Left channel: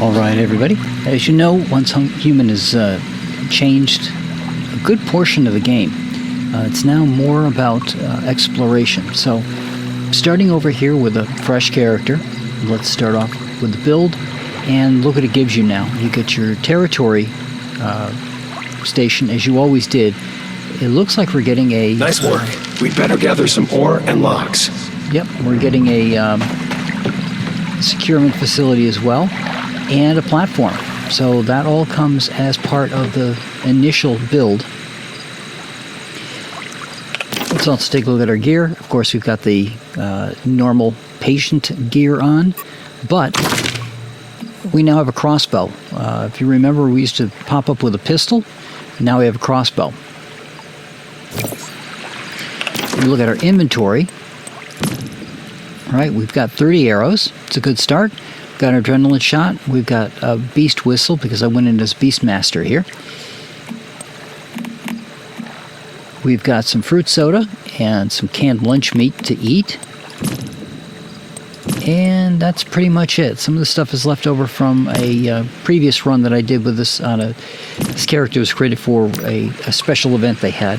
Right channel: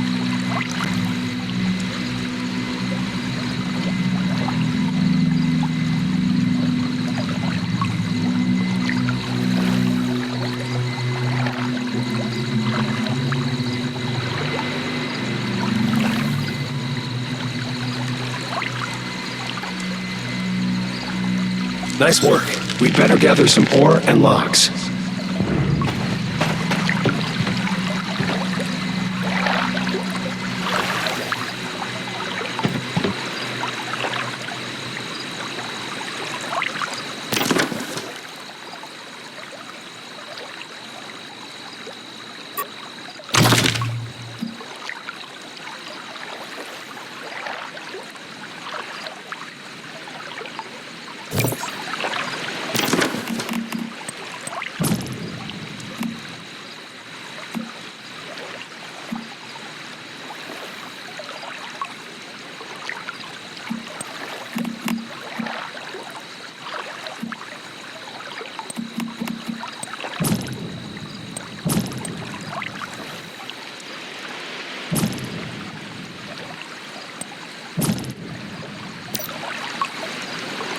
All right, everybody. As you know, once Human has changed a good portion of the game, it's now more about exploration. So, starting over here with a fresh character, let's start off with the build, and look what it gives you now. You get your territory station, as you always did. It looks like we're getting a... Nice work. We'd better gather some ore and logs. Yep, we're getting a securing facility as well, and a platform. So that all comes as part of the initial build. Let's also take a look at our gear. Of course, we've got the normal patient gear on, but we now have a crossbow. If you remember, we used to pop up with a pistol. Now we have a crossbow. We look at our inventory. All right, we've got 30 arrows. It's a good start. Got an adrenaline shot. We've got a beast whistle because I went in as Beastmaster here. We've got some fruit soda and some canned lunch meat to eat. And that's pretty much it. Some of the stuff is left over from a previous run that I did with this on a... This character was created for a special event they had.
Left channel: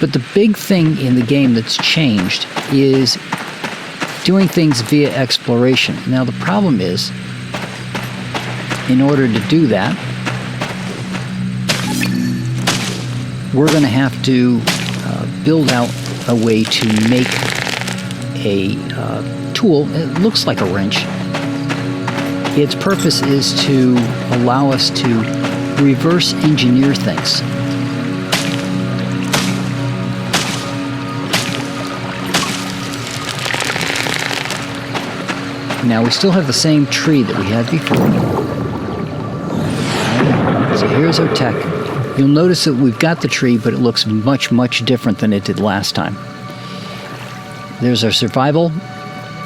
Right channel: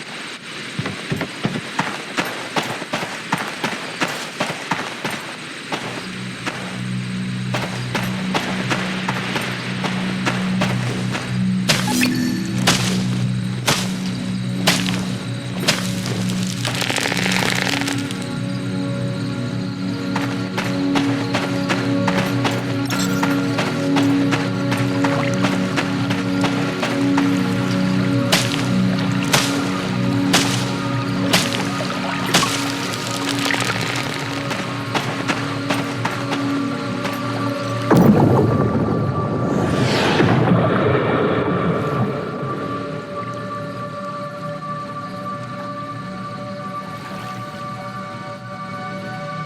But the big thing in the game that's changed is doing things via exploration. Now the problem is, in order to do that, we're going to have to build out a way to make a tool. It looks like a wrench. Its purpose is to allow us to reverse engineer things. Now we still have the same tree that we had before. So here's our tech. You'll notice that we've got the tree, but it looks much, much different than it did last time. There's our survival,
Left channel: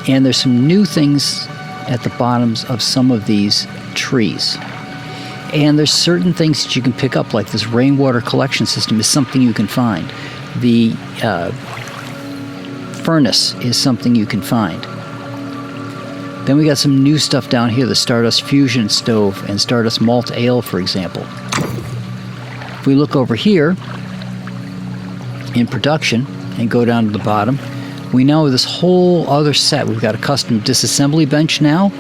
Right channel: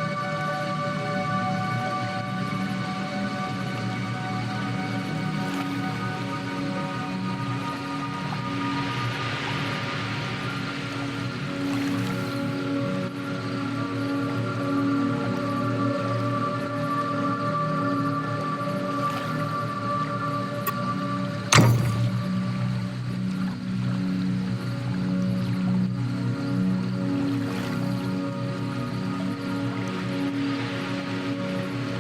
and there's some new things at the bottoms of some of these trees. And there's certain things that you can pick up, like this rainwater collection system is something you can find. The furnace is something you can find. Then we got some new stuff down here, the Stardust Fusion Stove and Stardust Malt Ale, for example. If we look over here in production and go down to the bottom, we now have this whole other set. We've got a custom disassembly bench now,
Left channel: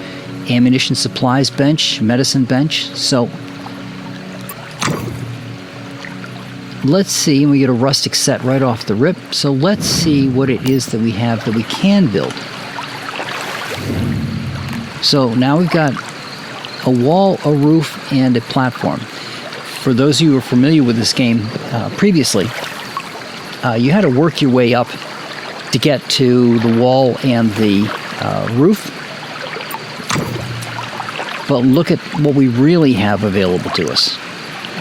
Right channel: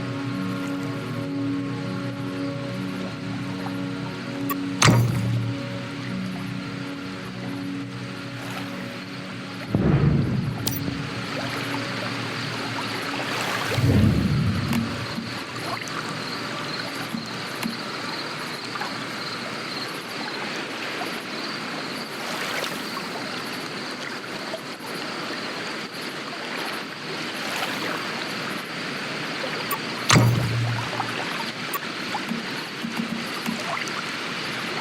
ammunition supplies bench, medicine bench. So let's see, and we get a rustic set right off the rip. So let's see what it is that we have that we can build. So now we've got a wall, a roof, and a platform. For those of you who are familiar with this game previously, you had to work your way up to get to the wall and the roof. But look at what we really have available to us.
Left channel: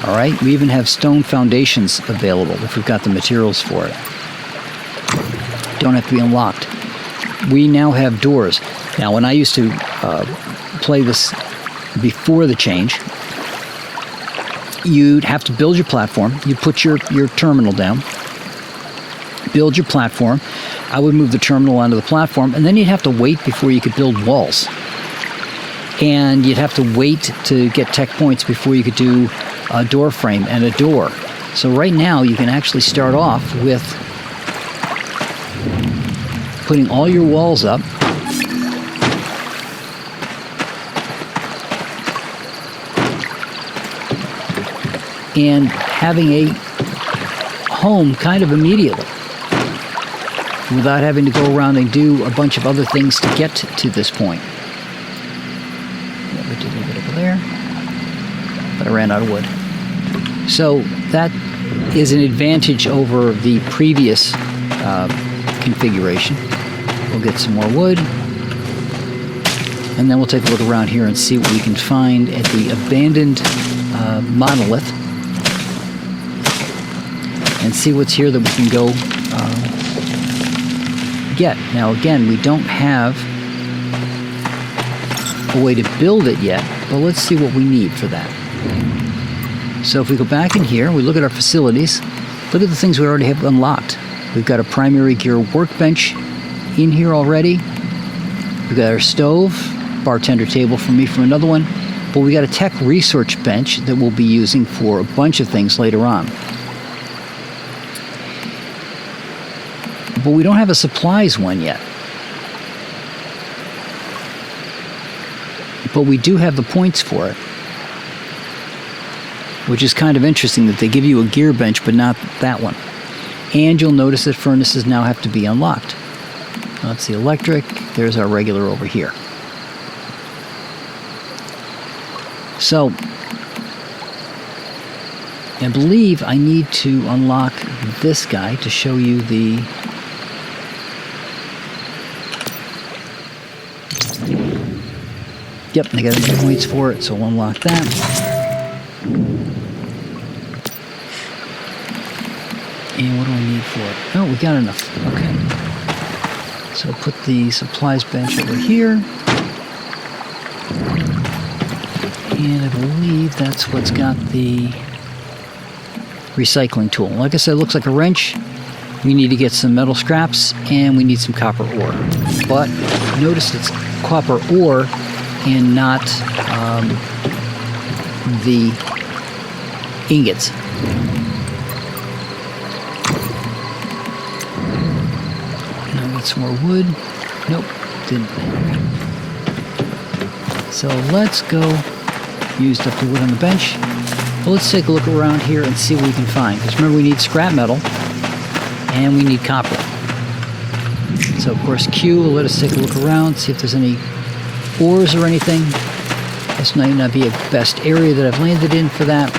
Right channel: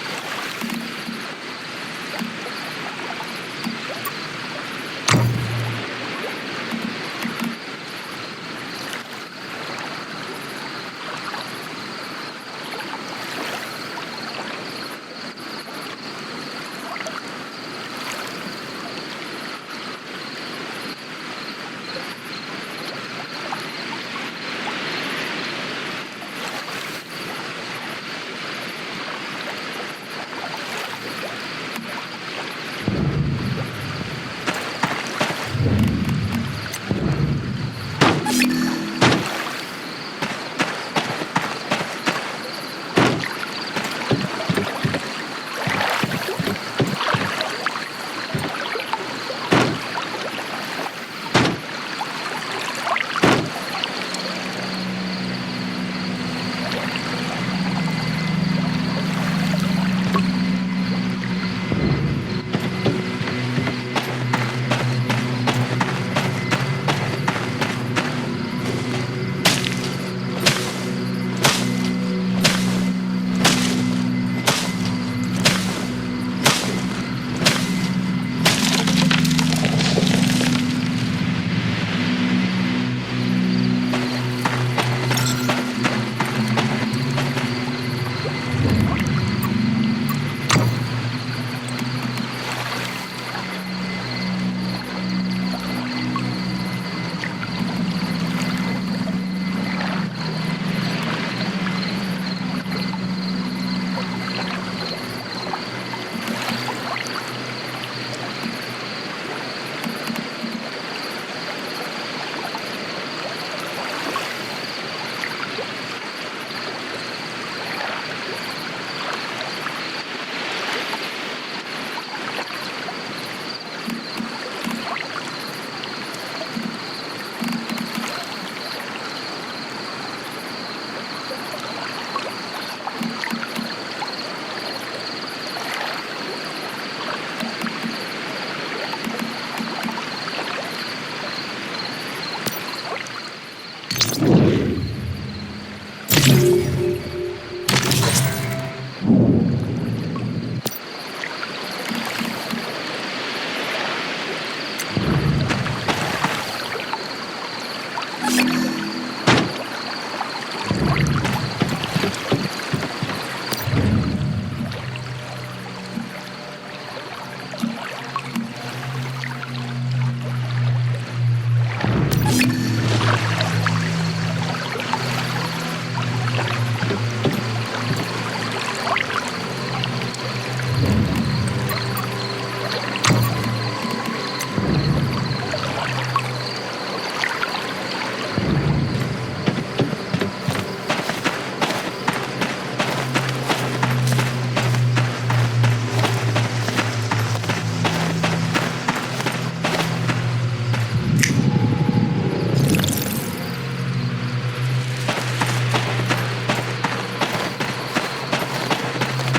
All right, we even have stone foundations available if we've got the materials for it. Don't have to be unlocked. We now have doors. Now, when I used to play this before the change, you'd have to build your platform. You put your terminal down, build your platform. I would move the terminal onto the platform, and then you'd have to wait before you could build walls. And you'd have to wait to get tech points before you could do a door frame and a door. So right now, you can actually start off with putting all your walls up. And having a home kind of immediately, without having to go around and do a bunch of other things to get to this point. There. But I ran out of wood. So that is an advantage over the previous configuration. We'll get some more wood, and then we'll take a look around here and see what we can find at the abandoned monolith, and see what's here that we can go get. Now again, we don't have a way to build it yet, but let's see what we need for that. So if we go back in here, we look at our facilities, look at the things we already have unlocked. We've got a primary gear workbench in here already. We've got our stove. bartender table for me for another one. But we got a tech research bench that we'll be using for a bunch of things later on. But we don't have a supplies one yet. But we do have the points for it. Which is kind of interesting that they give you a gear bench, but not that one. And you'll notice that furnaces now have to be unlocked. That's the electric. There's our regular over here. So, I believe I need to unlock this guy to show you the... Yep, I got some points for it, so we'll unlock that. And what do I need for it? Oh, we got enough. Okay. So put the supplies bench over here. And I believe that's what's got the recycling tool. Like I said, it looks like a wrench. We need to get some metal scraps, and we need some copper ore. But notice it's copper ore and not the ingots. Need some more wood. Nope, didn't. So let's go use the wood on the bench. Well, let's take a look around here and see what we can find. Because remember, we need scrap metal and we need copper. So of course Q will let us take a look around, see if there's any ores or anything. This might not be the best area that I've landed in for that.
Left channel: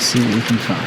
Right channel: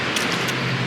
See what we can find.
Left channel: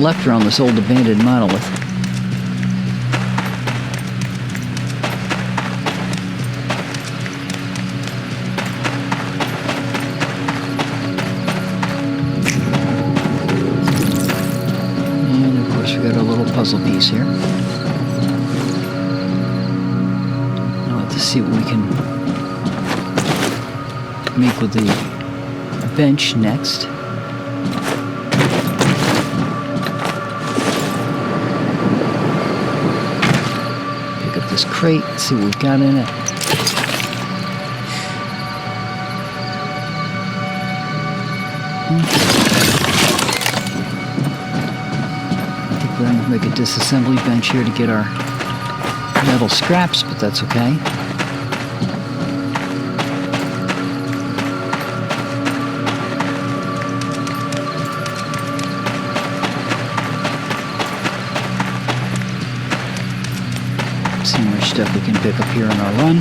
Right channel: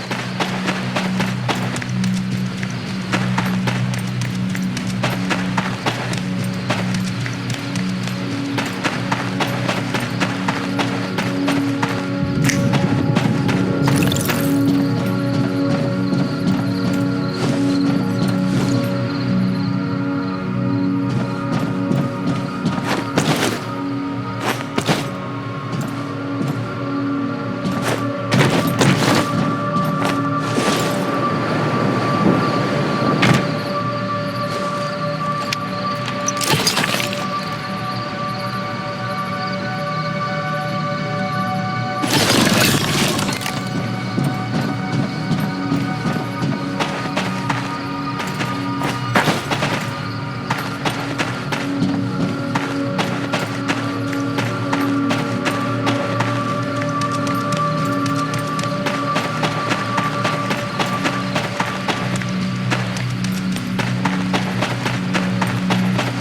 Left around this old abandoned monolith. And of course we got a little puzzle piece here. I want to see what we can make with the bench next. Crate, see what we've got in it. Then we'll make a disassembly bench here to get our metal scraps, but that's okay. Stuff we can pick up here in our run.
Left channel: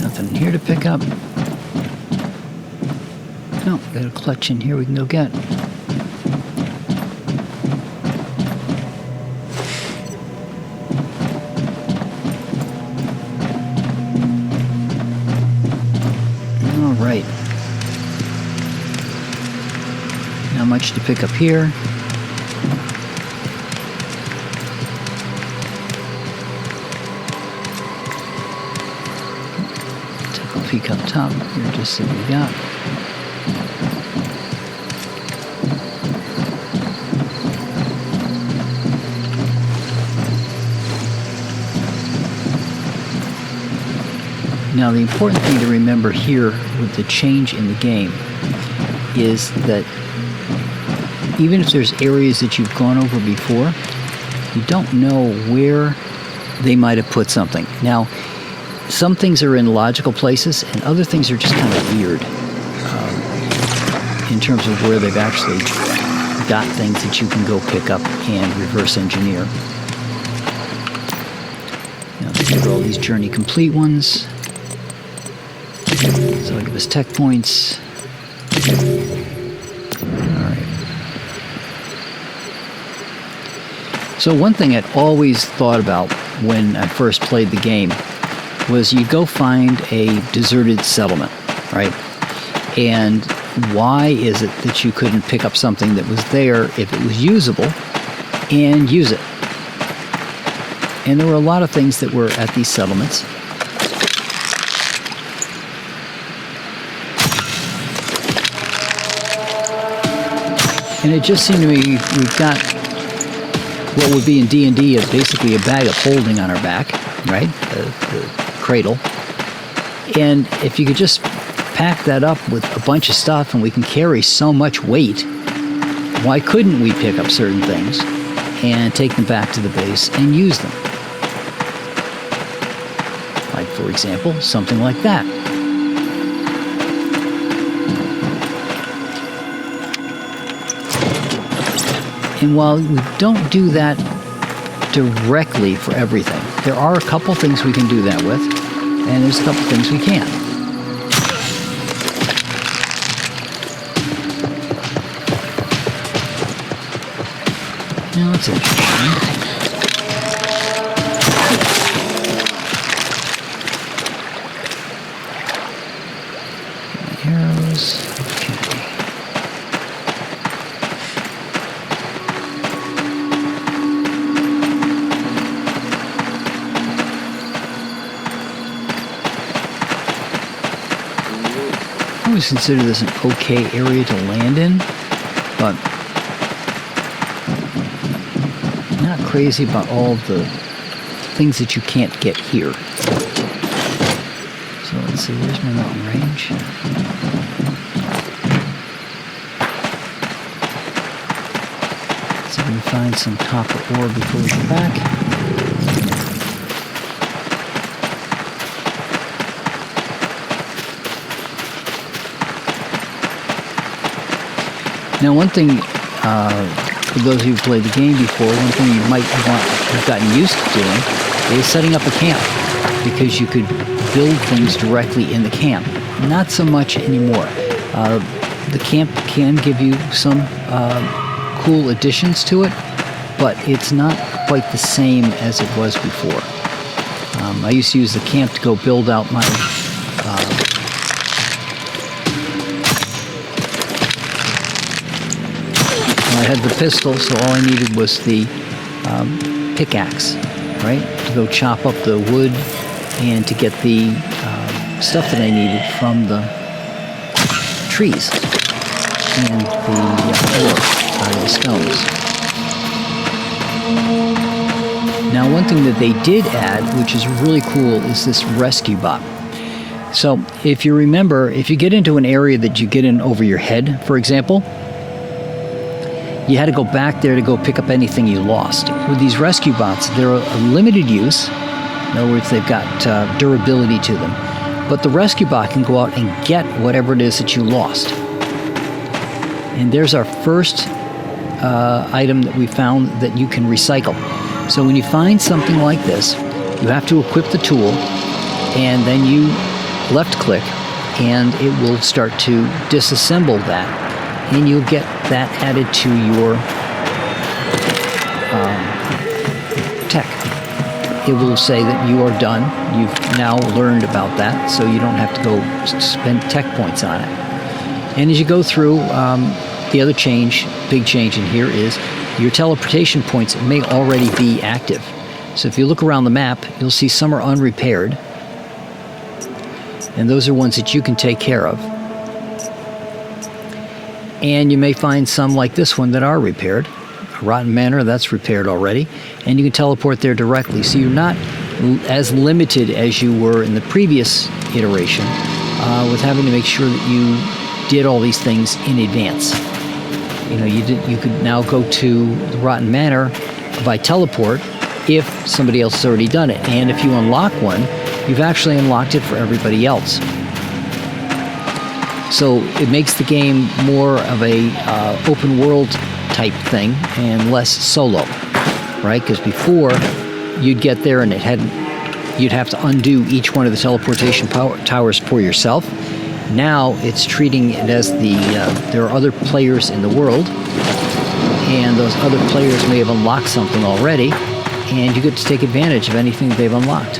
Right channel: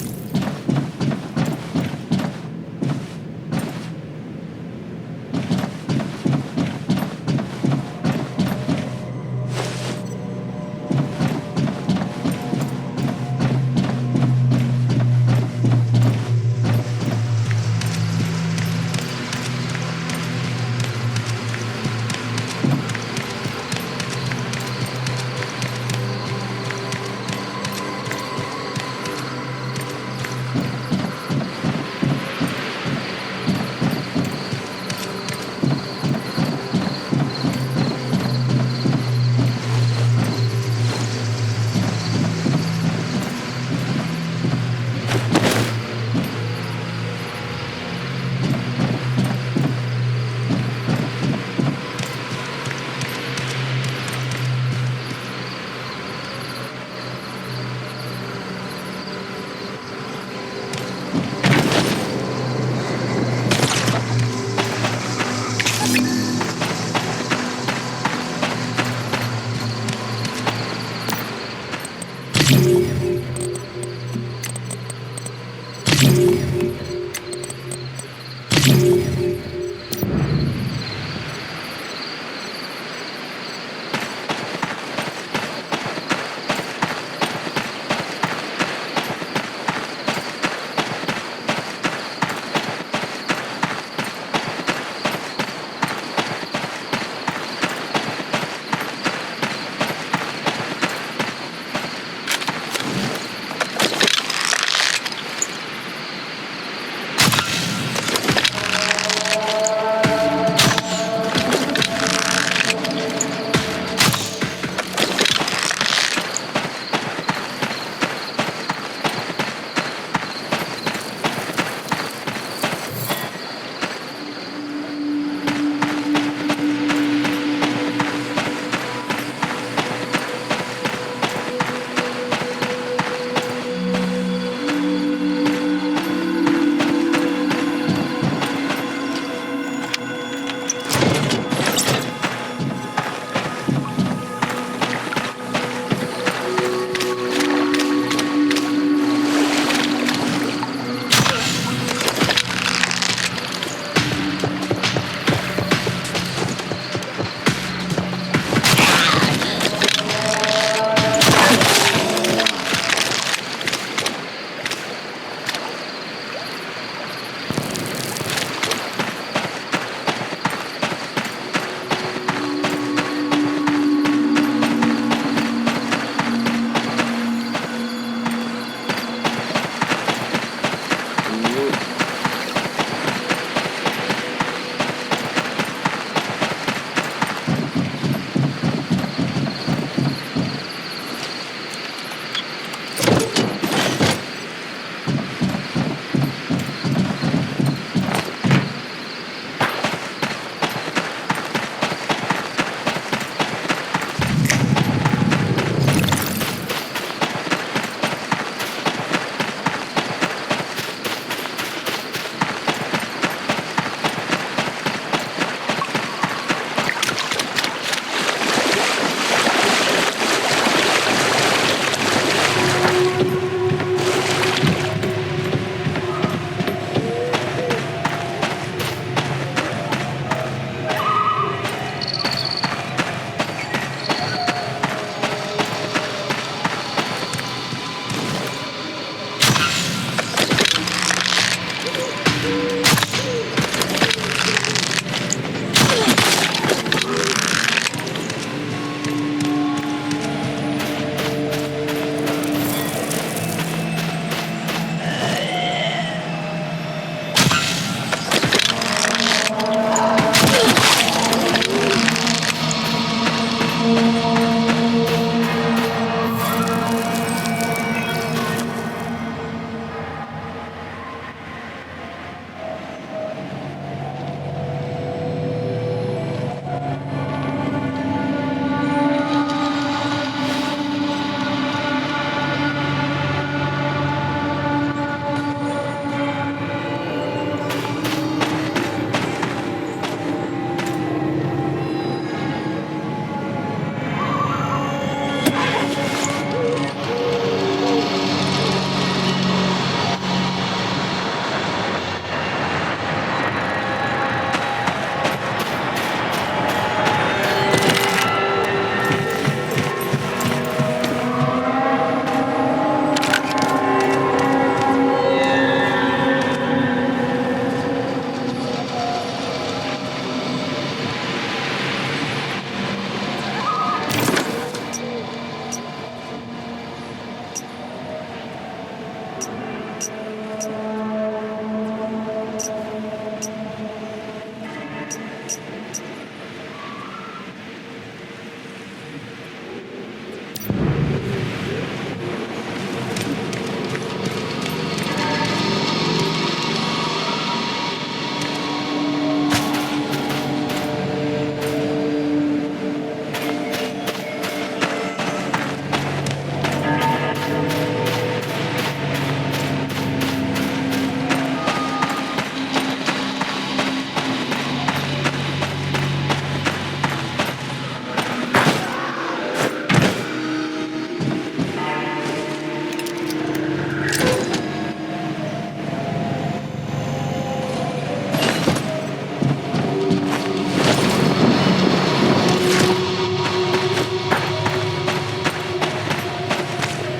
Nothing here to pick up. No, got a clutch in here we can go get. pick up here. Take a peek up top. We'll just see what we got. Now, the important thing to remember here with the change in the game is that even if there's areas that you've gone over before, you don't know where they might have put something. Now, some things are in logical places, and other things are just kind of weird in terms of where they've actually got things that you can go pick up and reverse engineer. Now, these are all these journey complete ones. So it was tech points. So one thing I'd always thought about when I first played the game was you go find a deserted settlement, right? And why is it that you couldn't pick up something that was there if it was usable and use it? And there were a lot of things that were at these settlements. And it just seemed to me we've got what would be in D&D as basically a bag of holding on our back, right? The cradle. And if you could just pack that up with a bunch of stuff and we can carry so much weight, why couldn't we pick up certain things and take them back to the base and use them? Like, for example, something like that. And while we don't do that directly for everything, there are a couple things we can do that with, and there's a couple things we can't. Now, that's interesting. Consider this an okay area to land in, but I'm not crazy about all the things that you can't get here. So let's see, where's my long range? So I'm going to find some copper ore before we come back. Now, one thing, for those who've played the game before, one thing you might have gotten used to doing is setting up a camp, because you could build things directly in the camp. Not so much anymore. The camp can give you some cool additions to it, but it's not quite the same as it was before. I used to use the camp to go build out my the pistol, so all I needed was the pickaxe, right? To go chop up the wood and to get the stuff that I needed from the trees and the stones. Now, one thing that they did add, which is really cool, is this rescue bot. So, if you remember, if you get into an area that you get in over your head, for example, you had to go back there to go pick up anything you lost. With these rescue bots, they're a limited use. In other words, they've got durability to them. But the rescue bot can go out and get whatever it is that you lost. And there's our first item that we found that you can recycle. So when you find something like this, you have to equip the tool, and then you left click, and it will start to disassemble that. And you'll get that added to your tech. It will say that you are done. You've now learned about that, so you don't have to go spend tech points on it. And as you go through, the other big change in here is your teleportation points may already be active. So if you look around the map, you'll see some are unrepaired. And those are ones that you can take care of. And you may find some like this one that are repaired. Rotten Manor, that's repaired already. And you can teleport there directly. So you're not as limited as you were in the previous iteration with having to make sure that you did all these things in advance. You could now go to the Rotten Manor by teleport if somebody else has already done it. And if you unlock one, you've actually unlocked it for everybody else. So it makes the game more of a open world type thing and less solo, right? Because before you'd get there and you'd have to undo each one of the teleportation towers for yourself. Now it's treating it as there are other players in the world, and those other players may have unlocked something already, and you get to take advantage of anything they've unlocked.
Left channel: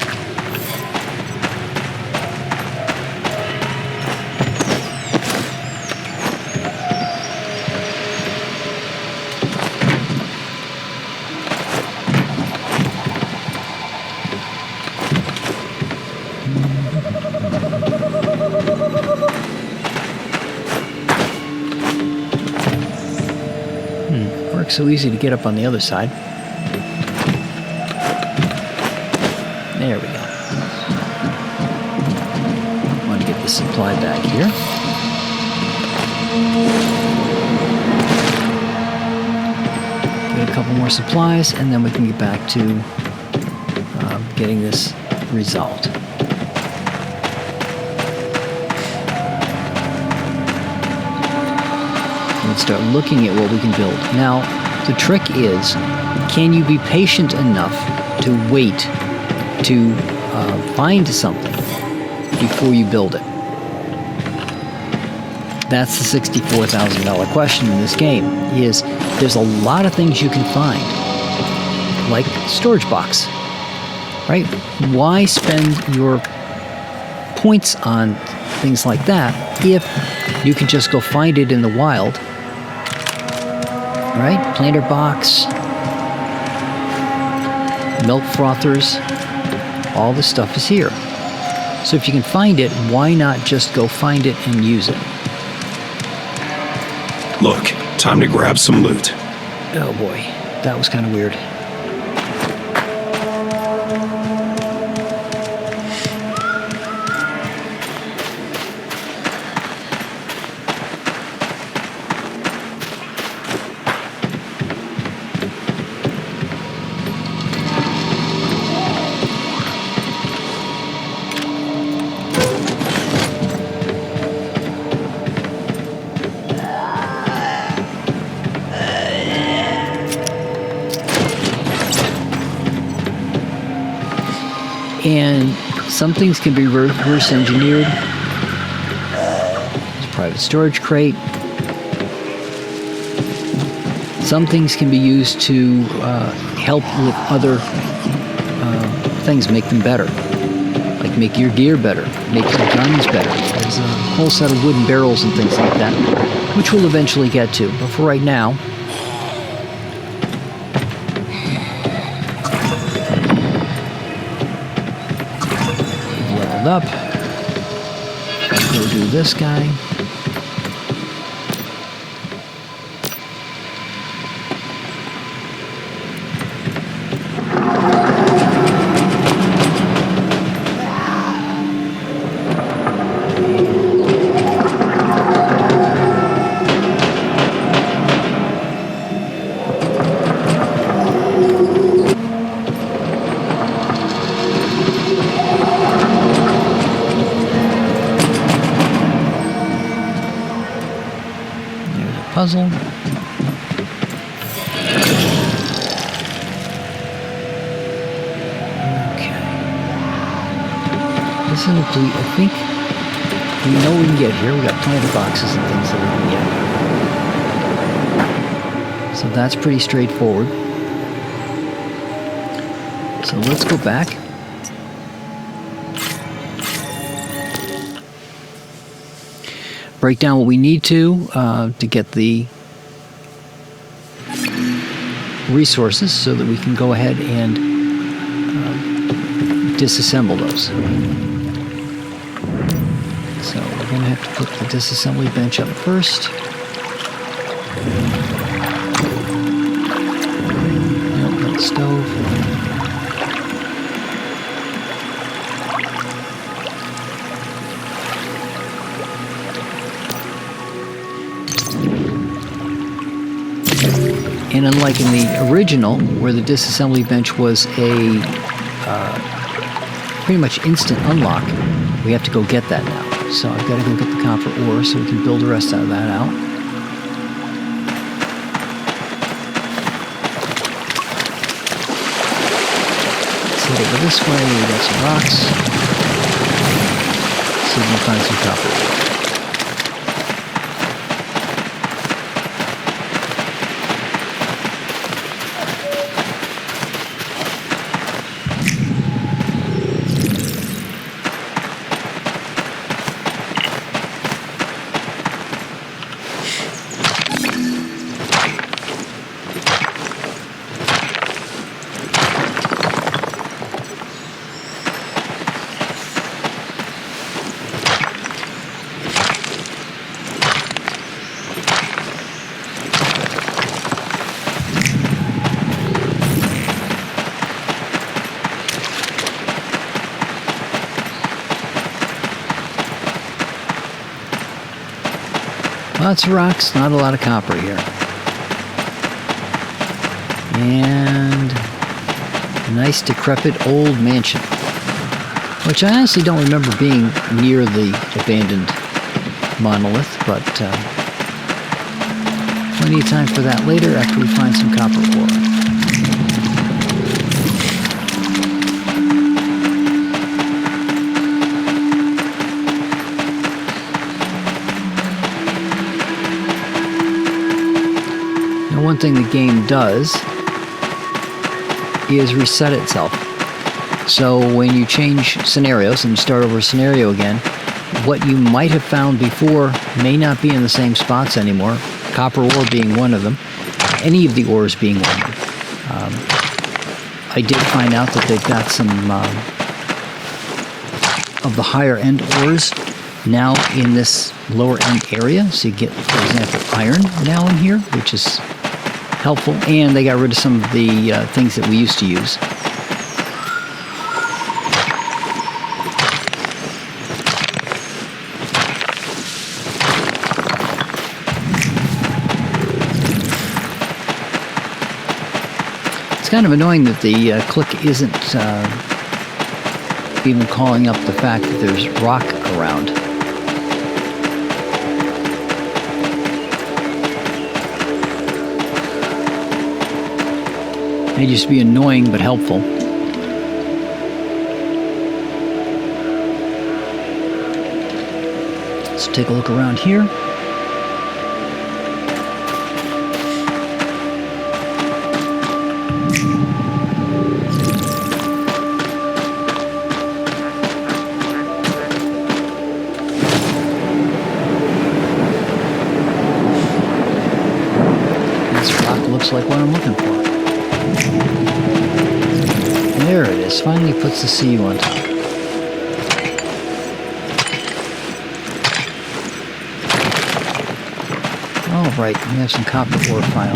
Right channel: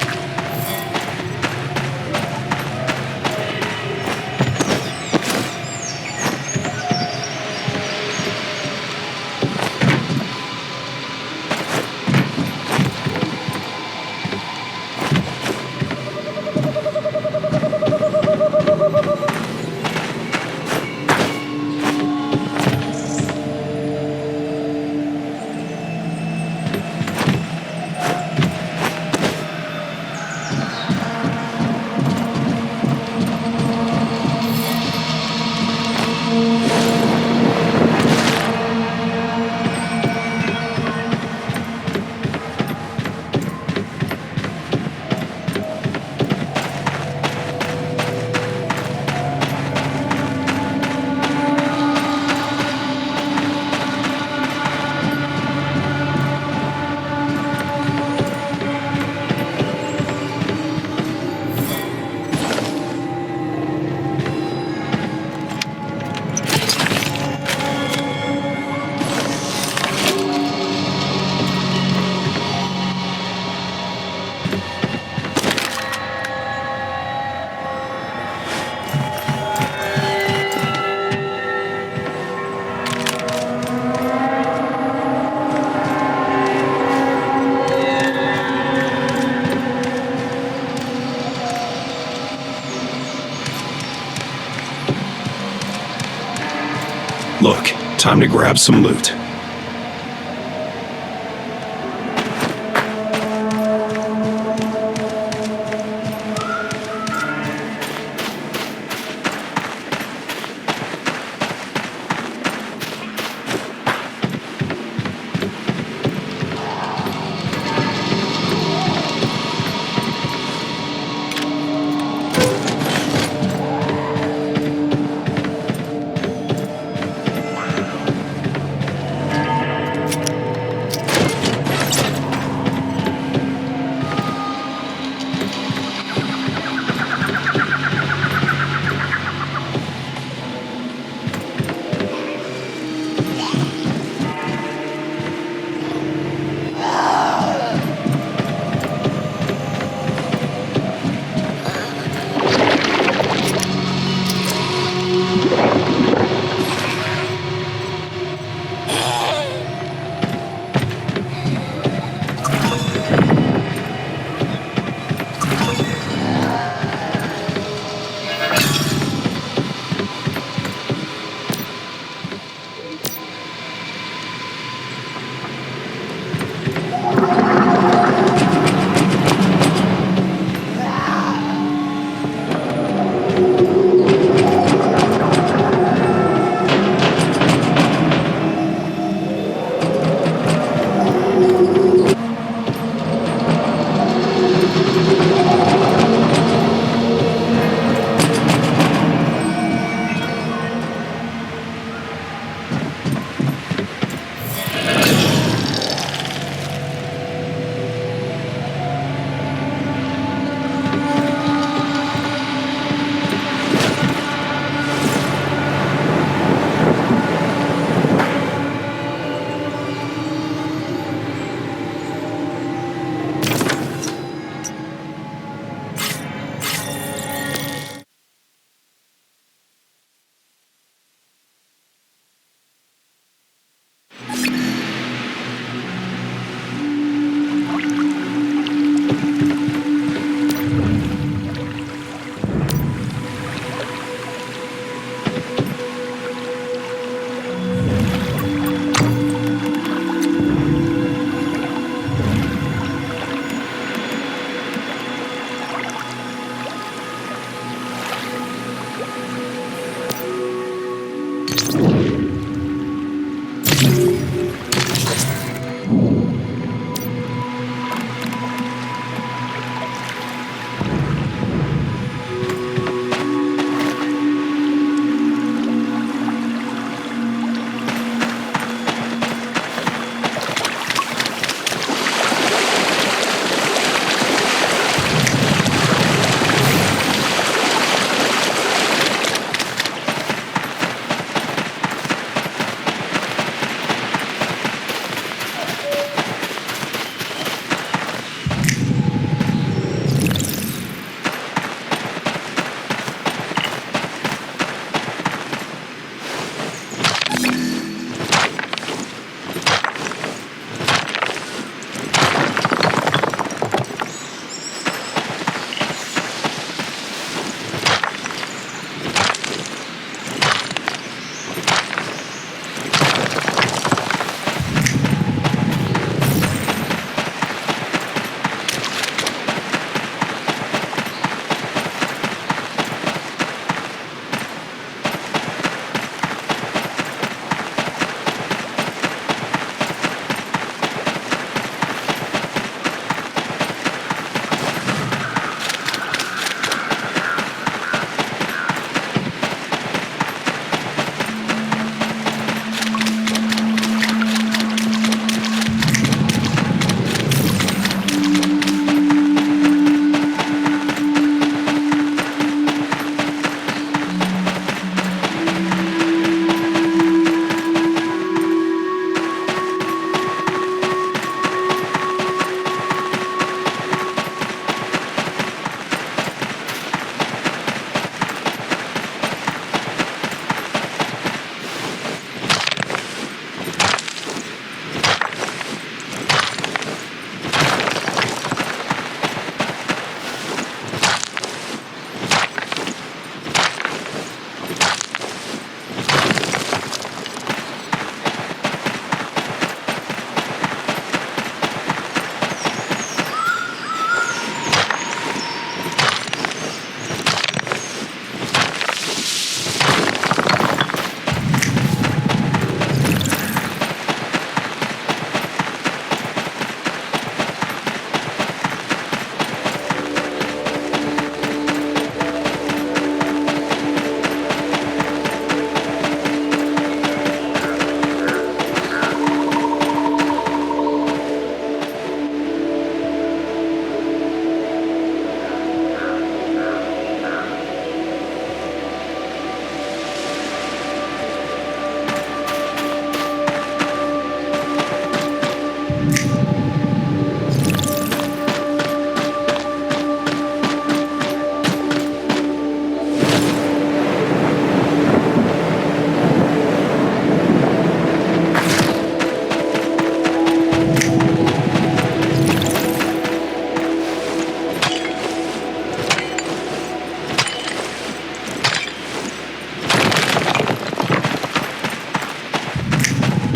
So easy to get up on the other side. There we go. Let me get the supply back here. Get a couple more supplies, and then we can get back to getting this resolved. And start looking at what we can build. Now, the trick is, can you be patient enough to wait to find something before you build it? That's the $64,000 question in this game, is there's a lot of things you can find, like storage box, right? Why spend your points on things like that if you could just go find it in the wild? Right? Planter box, milk frothers, all this stuff is here. So if you can find it, why not just go find it and use it? Look, time to grab some loot. Oh boy, that was kind of weird. And some things can be reverse engineered. Private storage crate. Some things can be used to help with other things, make them better. Like make your gear better, make some guns better. There's a whole set of wooden barrels and things like that, which we'll eventually get to. But for right now, up. We'll do this guy. Puzzle. Okay. This is I think we know we can get here. We got plenty boxes and things that we get. So that's pretty straightforward. So let's go back. Break down what we need to get the resources so that we can go ahead and disassemble those. So we're going to have to put the disassembly bench up first. And the stove. And unlike in the original, where the disassembly bench was a pretty much instant unlock, we have to go get that now. So I've got to go get the copper ore so we can build the rest of that out. So this way we got some rocks. So we can find some copper. Lots of rocks, not a lot of copper here. And a nice decrepit old mansion, which I honestly don't remember being near the abandoned monolith, but we need time for that later after we find some copper ore. Does is reset itself. So when you change scenarios and you start over a scenario again, what you might have found before may not be in the same spots anymore. Copper ore being one of them, any of the ores being one. I did find out that they've got some of the higher end ores now in this lower end area. So you get, for example, iron now in here, which is helpful, and they got rid of some of the things that we used to use. It's kind of annoying that the click isn't even calling up the fact that there's rock around. May just be annoying but helpful. Let's take a look around here. Right, we have some copper ore pile.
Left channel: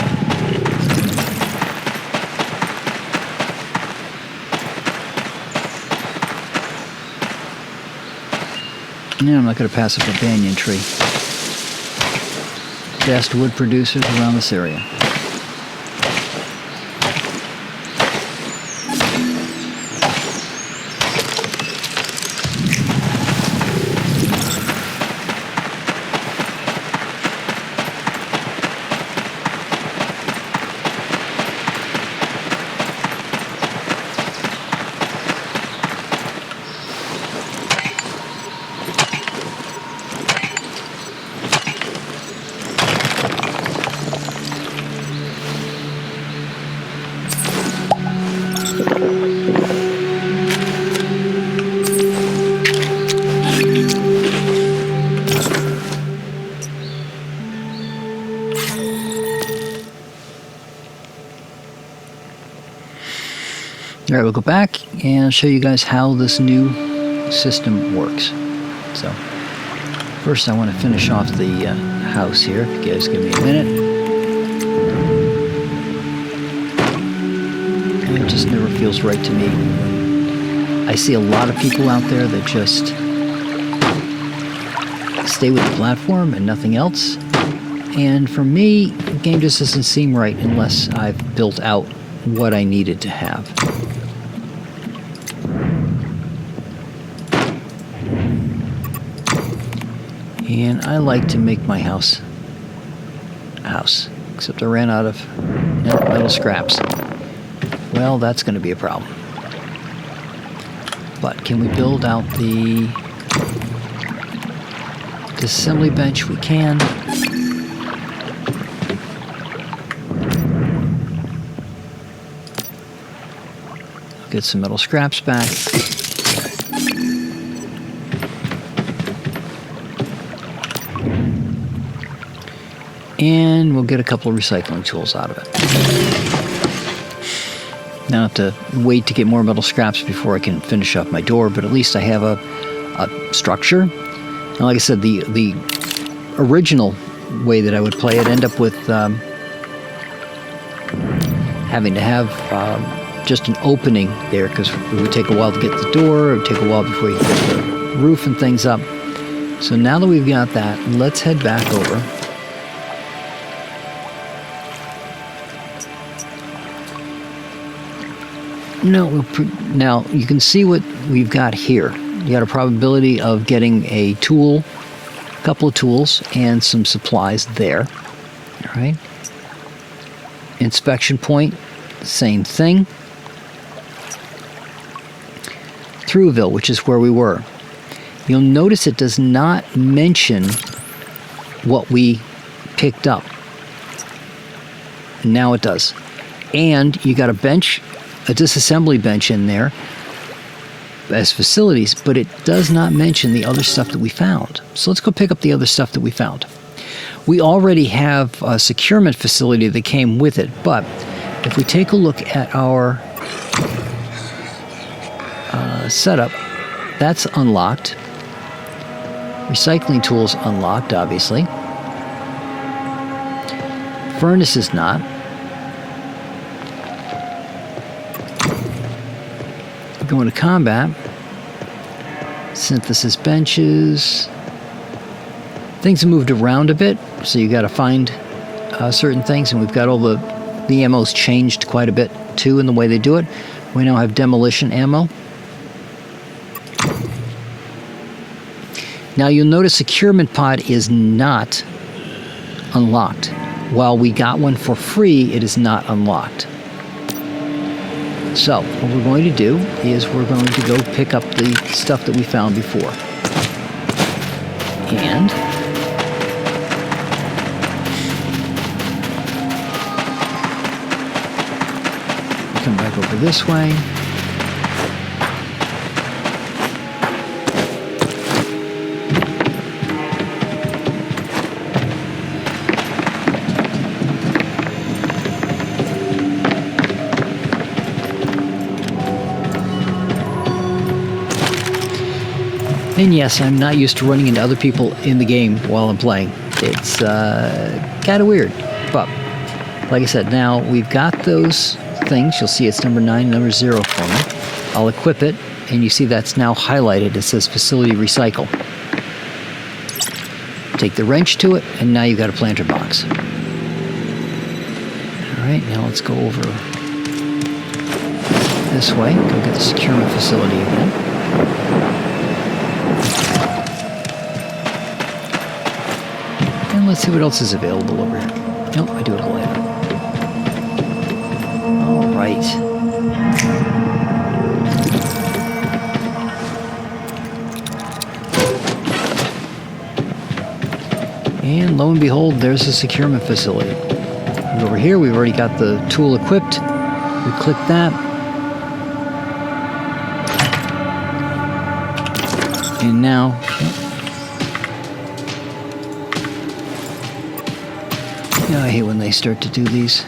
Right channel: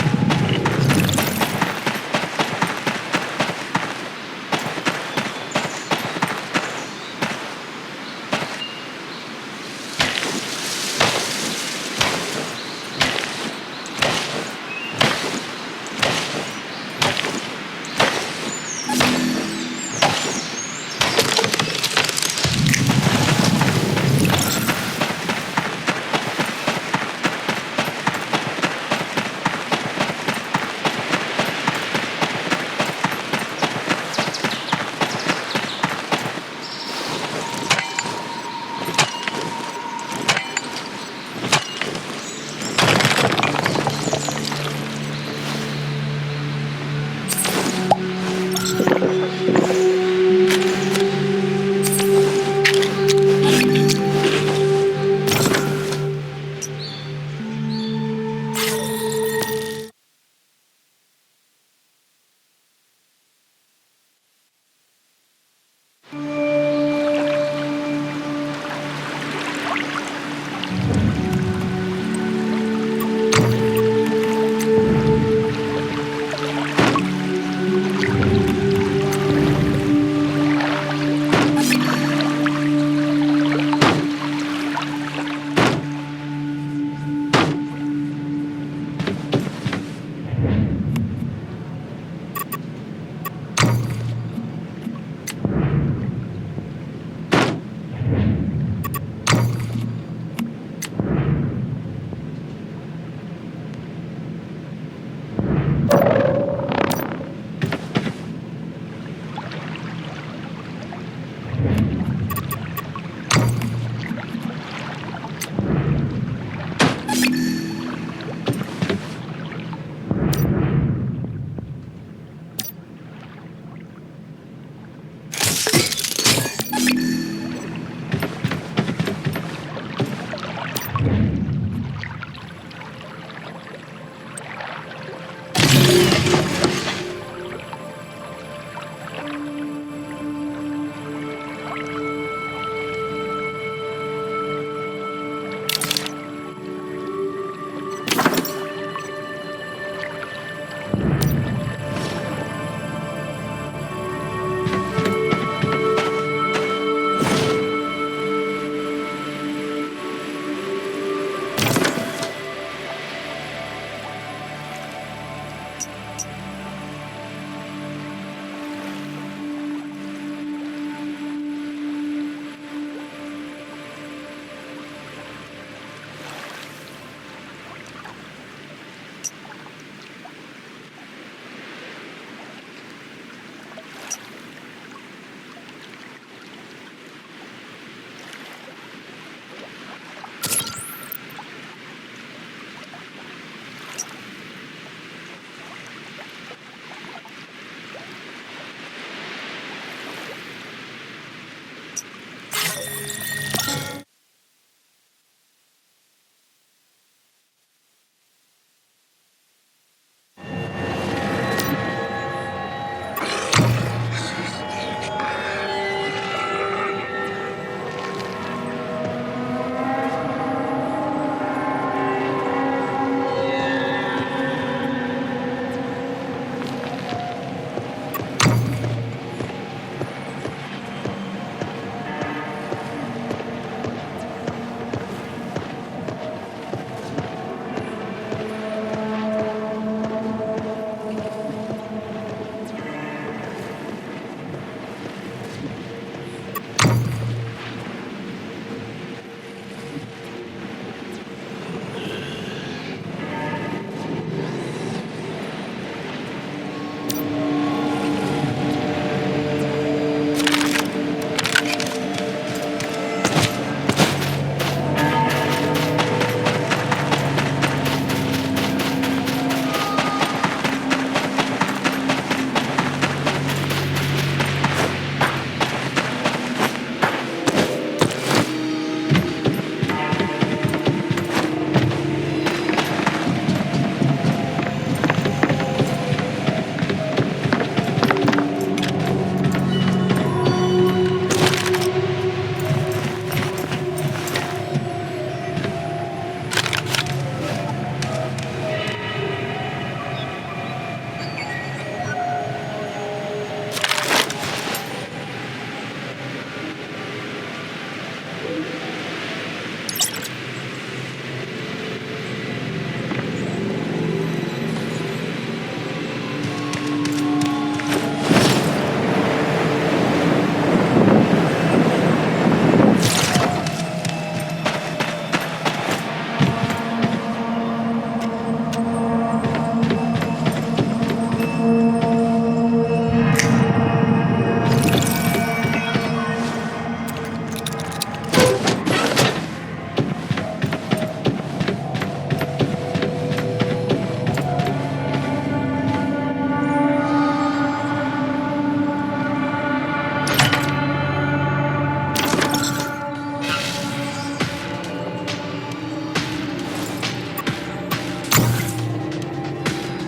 Yeah, I'm not going to pass up a banyan tree. Best wood producers around this area. we'll go back and show you guys how this new system works. So first I want to finish off the house here. You guys give me a minute. It just never feels right to me. I see a lot of people out there that just stay with the platform and nothing else. And for me, the game just doesn't seem right unless I've built out what I needed to have. And I like to make my house a house, except I ran out of scraps. Well, that's going to be a problem. But can we build out the assembly bench? We can. Get some metal scraps back. And we'll get a couple of recycling tools out of it. Now I have to wait to get more metal scraps before I can finish up my door, but at least I have a structure. And like I said, the original way that I would play it, end up with having to have just an opening there, because it would take a while to get the door, it would take a while before you get the roof and things up. So now that we've got that, let's head back over. Now you can see what we've got here. You got a probability of getting a tool, a couple of tools, and some supplies there. All right. Inspection point, same thing. Throughville, which is where we were. You'll notice it does not mention what we picked up. Now it does. And you got a bench, a disassembly bench in there as facilities, but it does not mention the other stuff that we found. So let's go pick up the other stuff that we found. We already have a securement facility that came with it, but if we take a look at our setup, that's unlocked. Recycling tools unlocked, obviously. Furnace is not. Go into combat. Synthesis benches. Things have moved around a bit, so you got to find certain things, and we've got all the ammo's changed quite a bit too in the way they do it. We now have demolition ammo. Now you'll notice securement pod is not unlocked. While we got one for free, it is not unlocked. So what we're going to do is we're going to go pick up the stuff that we found before. And come back over this way. And yes, I'm not used to running into other people in the game while I'm playing. It's kind of weird. But, like I said, now we've got those things. You'll see it's number 9, number 0 for me. I'll equip it, and you see that's now highlighted. It says Facility Recycle. Take the wrench to it, and now you've got a planter box. Alright, now let's go over this way. Look at the securement facility again. Let's see what else is available over here. No, I do it later. Right. And lo and behold, there's the securement facility. And over here, we've already got the tool equipped. We click that. And now, I hate when they start to do these.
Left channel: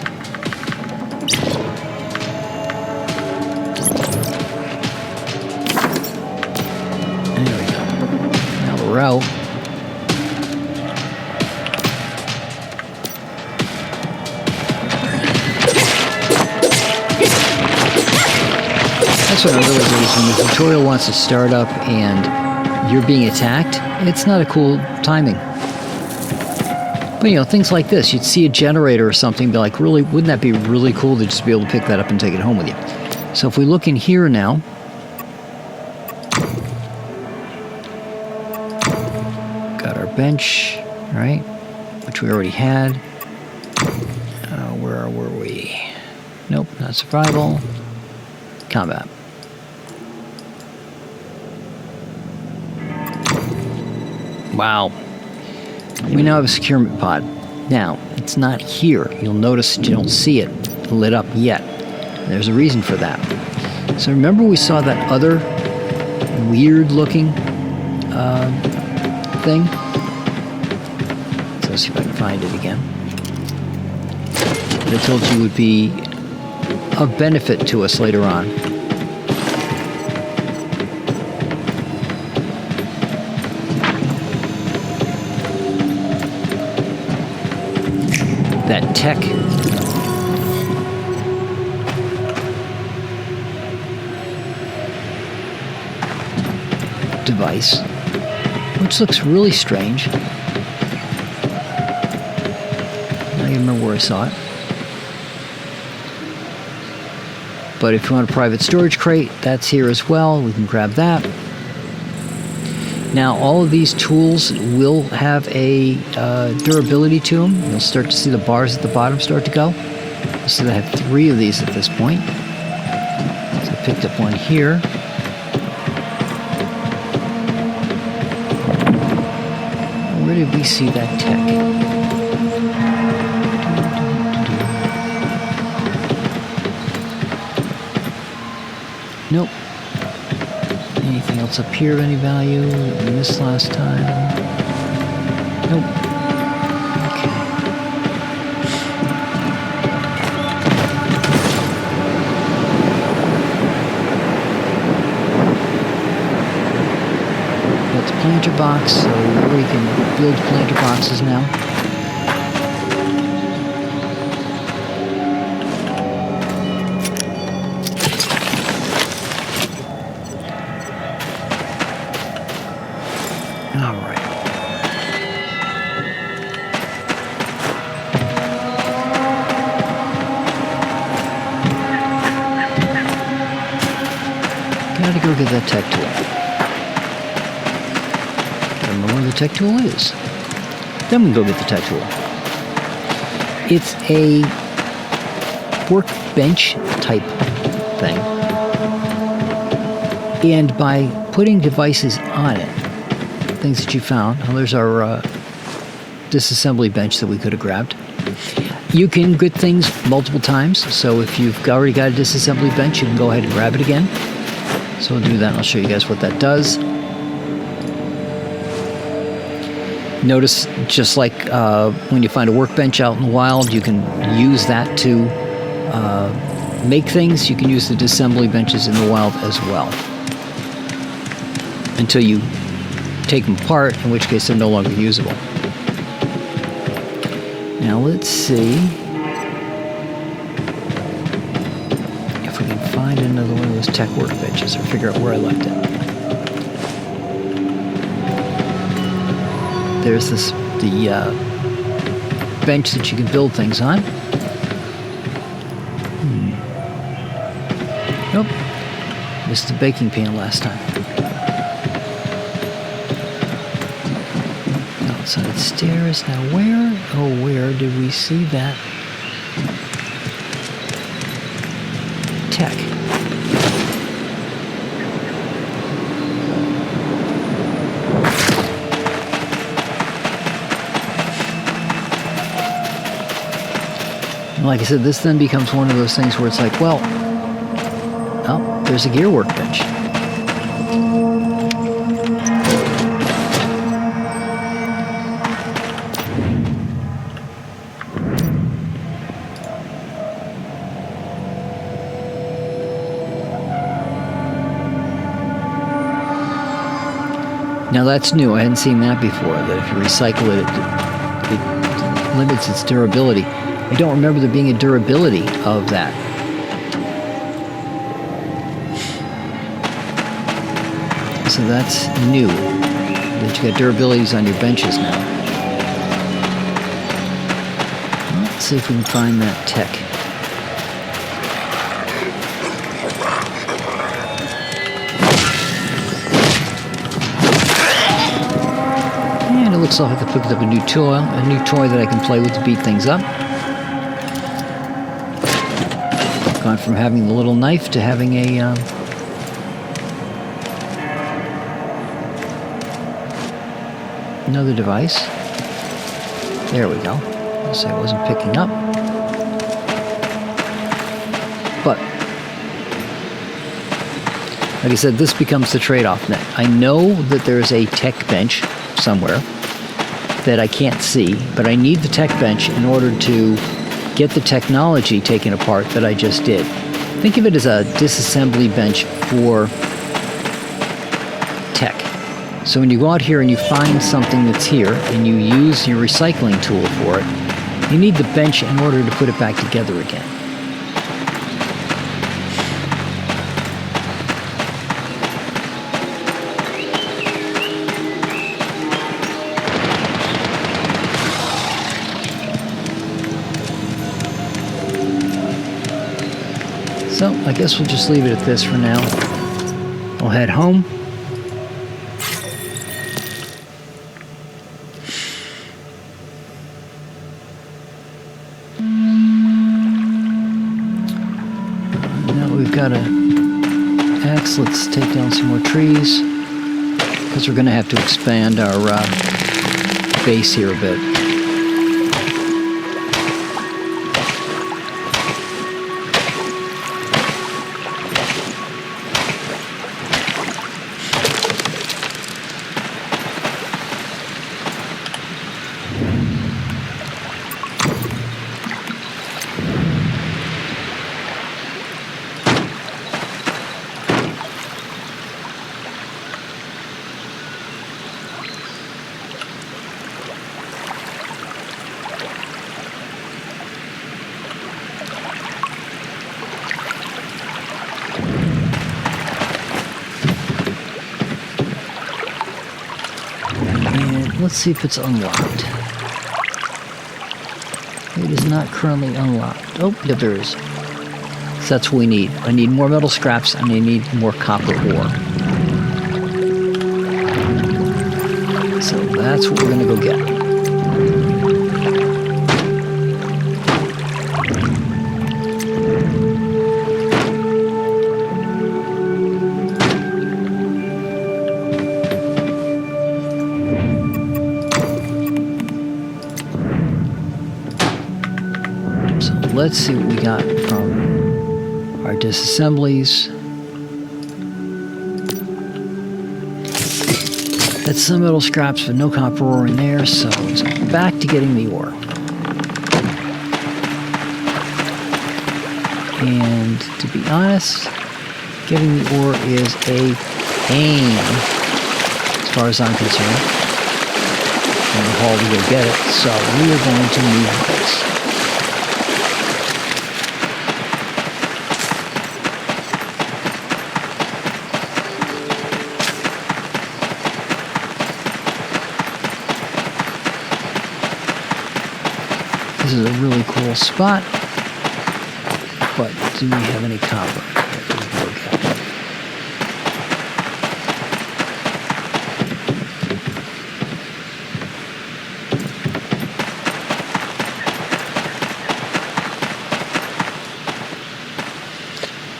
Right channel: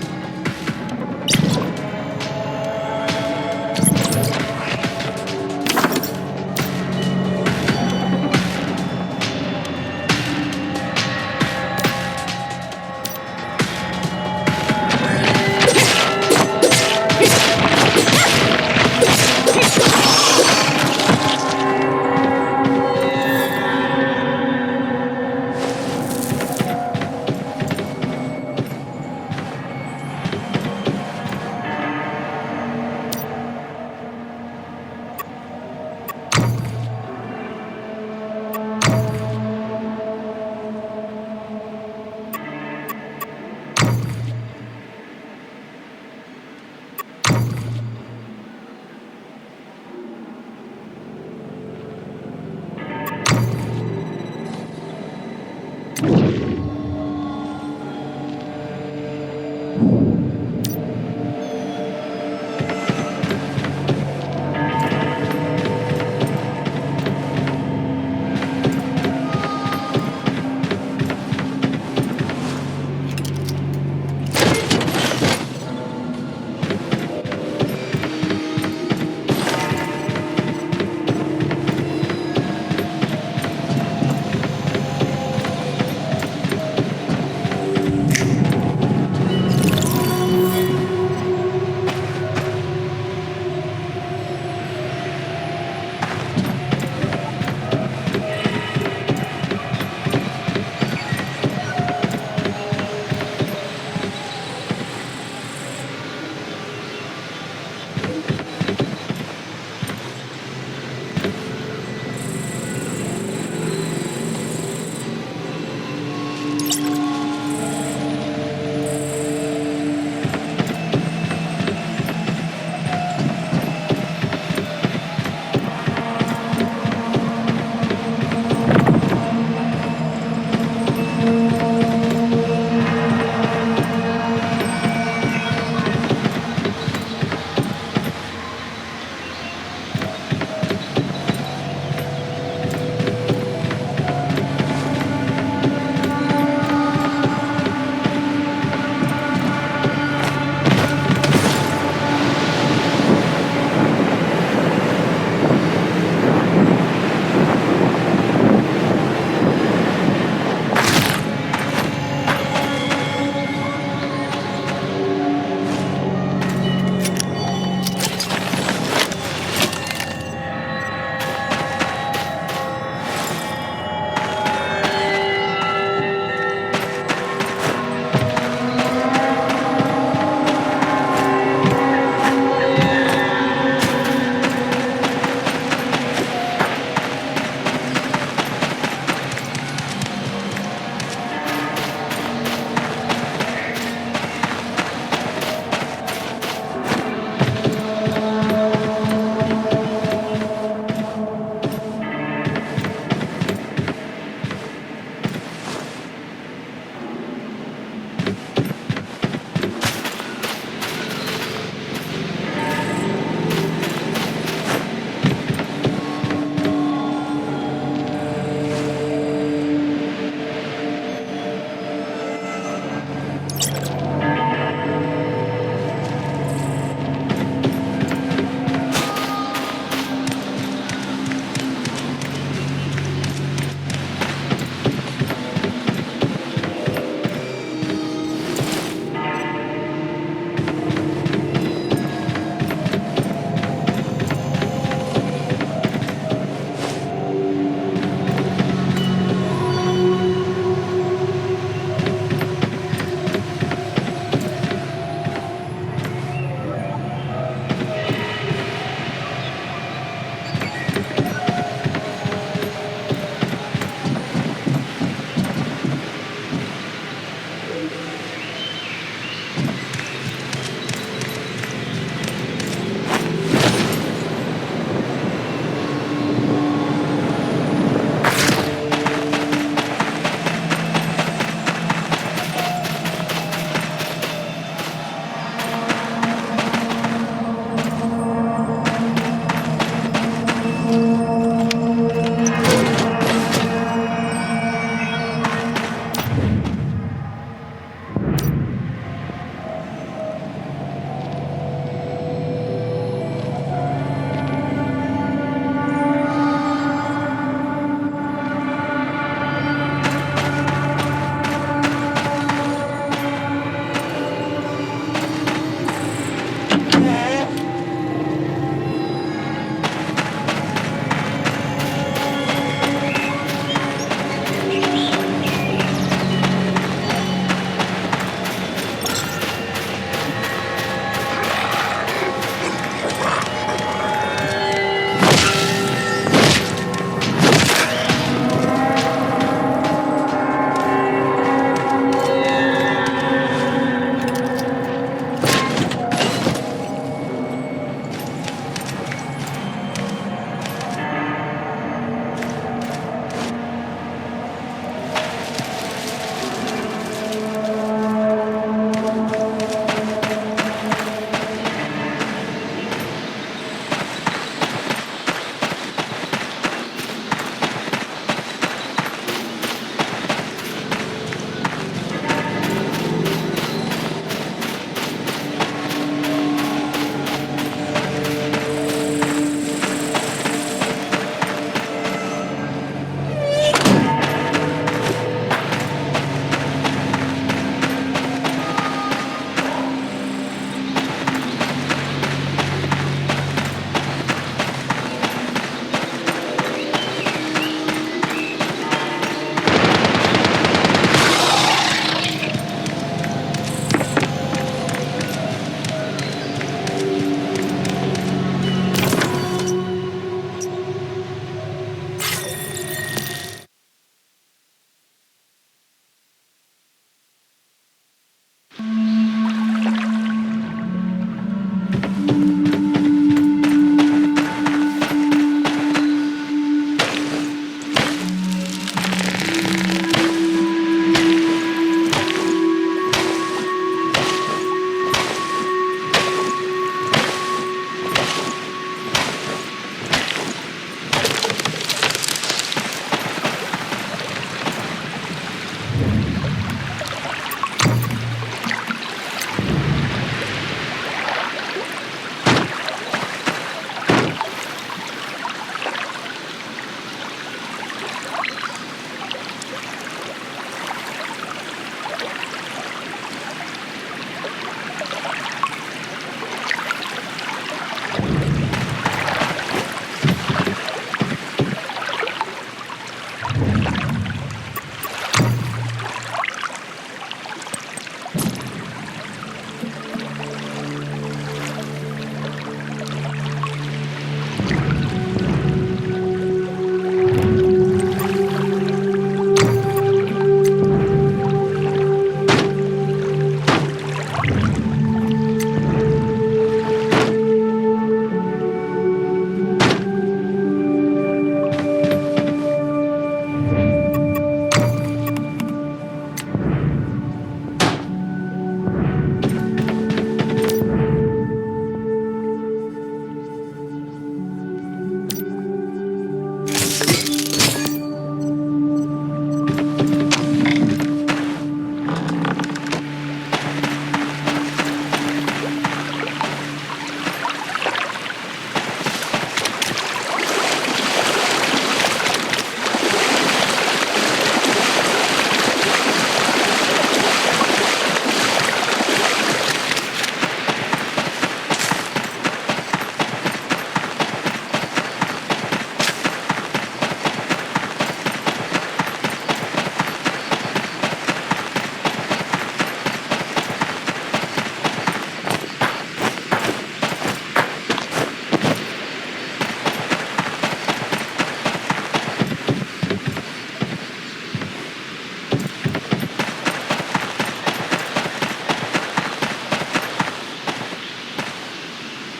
you're being attacked, it's not a cool timing. But, you know, things like this, you'd see a generator or something, be like, really, wouldn't that be really cool to just be able to pick that up and take it home with you? So if we look in here now, got our bench, right, which we already had. Where were we? Nope, not survival. Combat. Wow. We now have a securement pod. Now, it's not here. You'll notice that you don't see it lit up yet. There's a reason for that. So remember we saw that other weird-looking thing? Let's see if I can find it again. I told you it would be of benefit to us later on. That tech device, which looks really strange. I don't even remember where I saw it. But if you want a private storage crate, that's here as well. We can grab that. Now, all of these tools will have a durability to them. You'll start to see the bars at the bottom start to go. So I have 3 of these at this point. So I picked up one here. Where did we see that tech? Nope. Anything else up here? Any value? This last time. Nope. Okay. It's a planter box. So you can build planter boxes now. Tech tool is. Then we'll go with the tech tool. It's a workbench type thing. And by putting devices on it, things that you found, well, there's our disassembly bench that we could have grabbed. You can get things multiple times, so if you've already got a disassembly bench, you can go ahead and grab it again. So we'll do that, and I'll show you guys what that does. Notice, just like when you find a workbench out in the wild, you can use that to make things. You can use the disassembly benches in the wild as well. Until you take them apart, in which case they're no longer usable. Now let's see if we can find another one of those tech workbenches or figure out where I left it. There's the bench that you can build things on. Nope. Just the baking pan last time. Outside the stairs. Now where? Oh, where did we see that? Tech. Like I said, this then becomes one of those things where it's like, well, oh, there's a gear workbench. Now that's new. I hadn't seen that before. That if you recycle it limits its durability. I don't remember there being a durability of that. So that's new. your abilities on your benches now. Let's see if we can find that tech. And it looks like I picked up a new toy that I can play with to beat things up. Gone from having the little knife to having a another device. There we go. Guess I wasn't picking up. But, like I said, this becomes the trade-off now. I know that there's a tech bench somewhere that I can't see, but I need the tech bench in order to get the technology taken apart that I just did. Think of it as a disassembly bench for tech. So when you go out here and you find something that's here and you use your recycling tool for it, you need the bench in order to put it back together again. So I guess we'll just leave it at this for now. We'll head home. Let's take down some more trees, because we're going to have to expand our base here a bit. Let's see if it's unlocked. It is not currently unlocked. Oh, yeah, there is. So that's what we need. I need more metal scraps and I need more copper ore. So that's what we're going to go get. Let's see what we got from our disassemblies. That's some metal scraps with no copper ore in there, so let's go back to getting the ore. And to be honest, getting the ore is a pain as far as I'm concerned. And how are we going to get it? So we are going to need this. This is a really cool spot, but do not have any copper.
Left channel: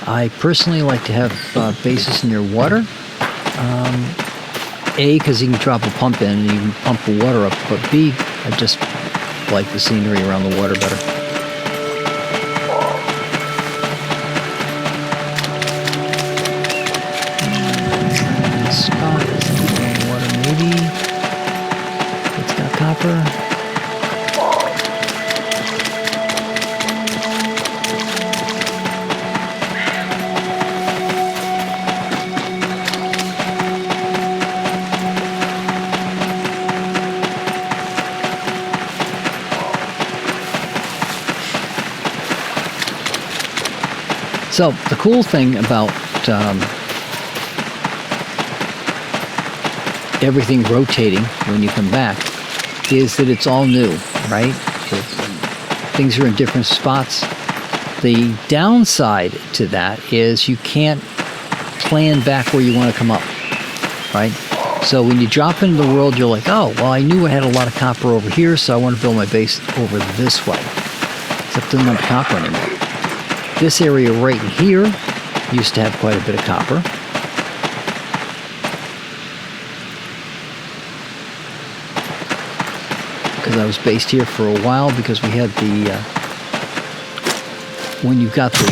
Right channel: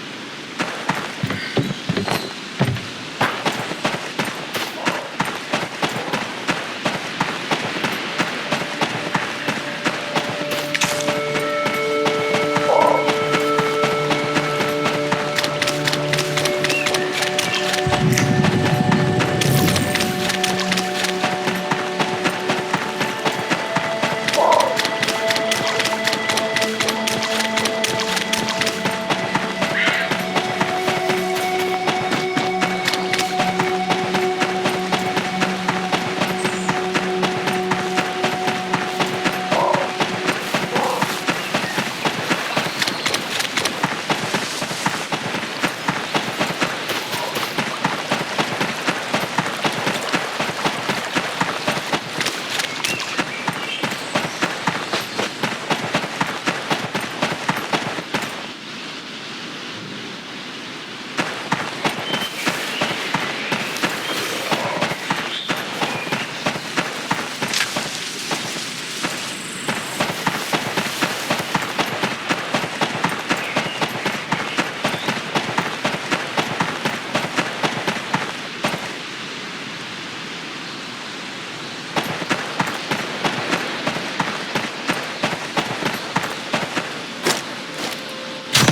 I personally like to have bases near water. A, because you can drop a pump in and you can pump the water up, but B, I just like the scenery around the water better. So the cool thing about everything rotating when you come back is that it's all new, right? Things are in different spots. The downside to that is you can't plan back where you want to come up, right? So when you drop into the world, you're like, oh, well, I knew I had a lot of copper over here, so I want to build my base over this way. Except didn't have copper anymore. This area right here used to have quite a bit of copper. Because I was based here for a while because we had the, when you've got the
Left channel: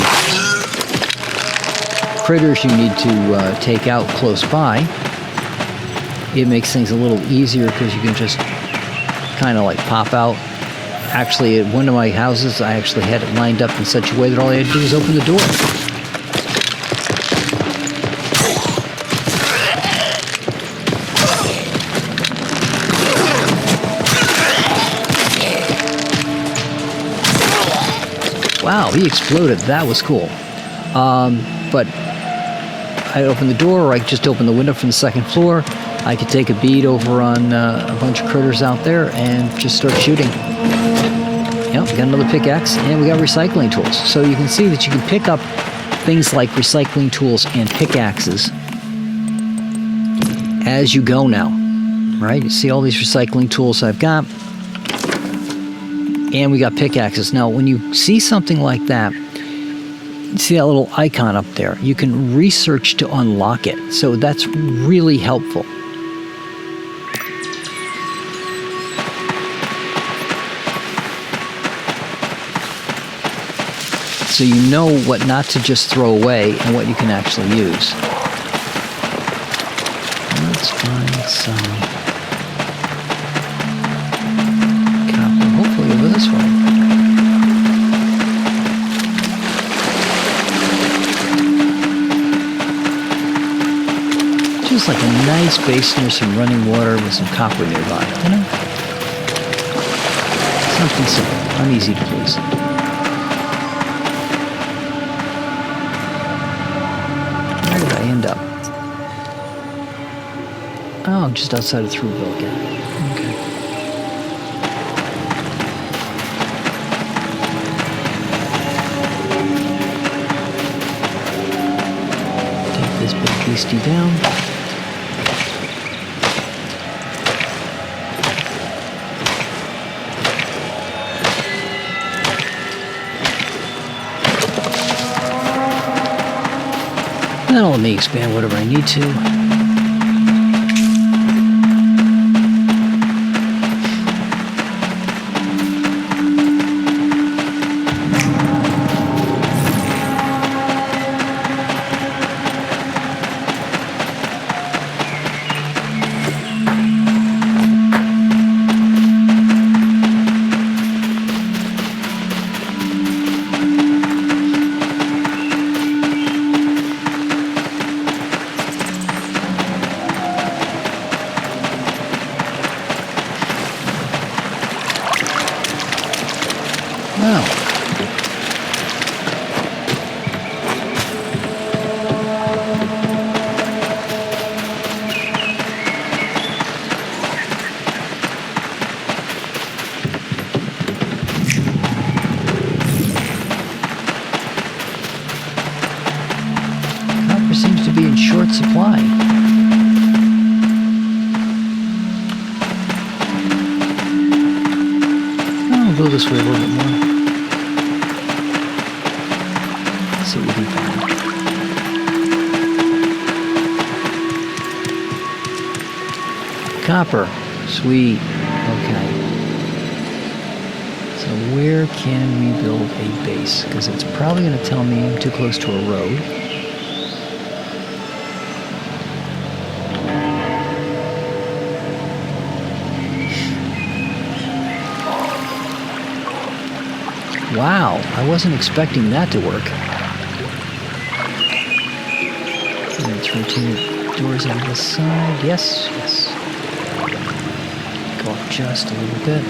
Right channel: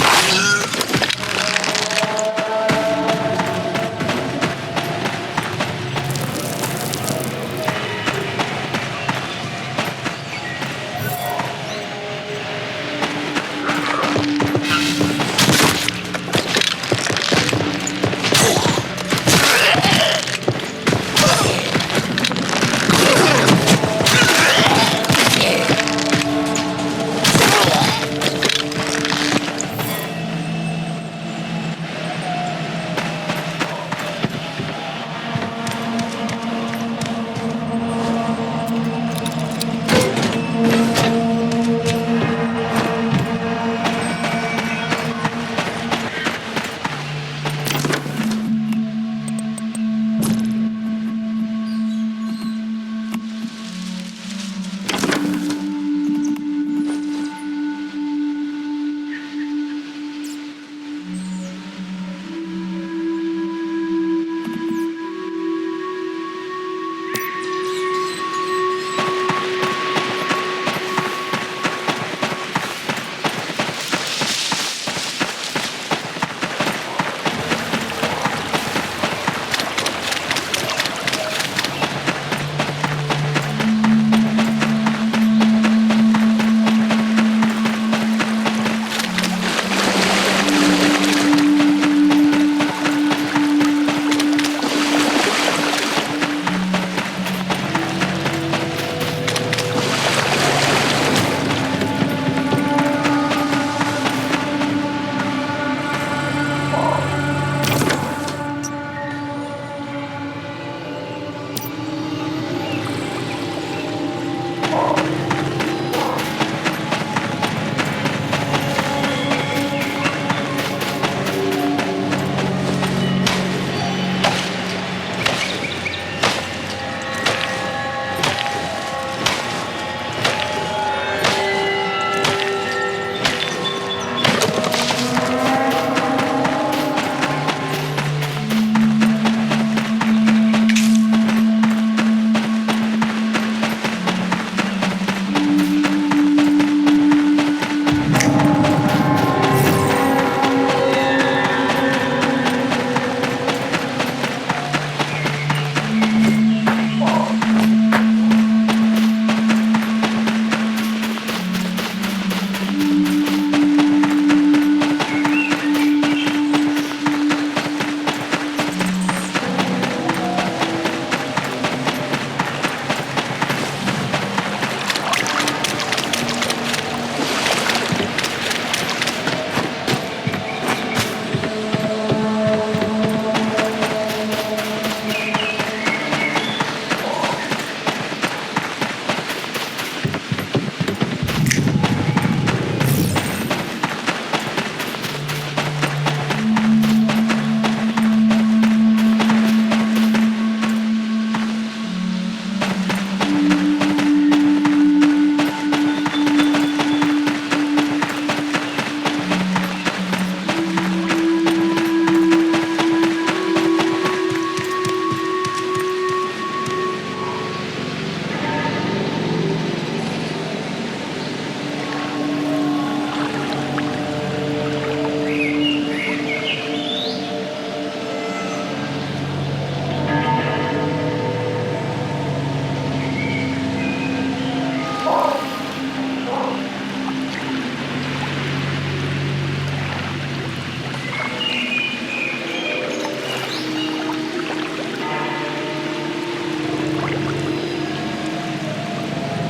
critters you need to take out close by, it makes things a little easier because you can just kind of like pop out. Actually, at one of my houses, I actually had it lined up in such a way that all I had to do was open the door. Wow, he exploded. That was cool. But I opened the door, or I just opened the window from the second floor. I could take a bead over on a bunch of critters out there and just start shooting. Yep, got another pickaxe, and we got recycling tools. So you can see that you can pick up things like recycling tools and pickaxes as you go now, right? You see all these recycling tools I've got, and we got pickaxes. Now, when you see something like that, you see that little icon up there, you can research to unlock it. So that's really helpful. So you know what not to just throw away and what you can actually use. Let's find some copper. Hopefully over this way. Just like a nice basin with some running water and some copper nearby. Easy to fix. Just outside of through boat here. Okay. Take this big beastie down. And then I'll let me expand whatever I need to. Copper. Sweet. Okay. So where can we build a base? Because it's probably going to tell me I'm too close to a road. Wow, I wasn't expecting that to work. Let's rotate doors on this side. Yes, yes. Go up just a little bit.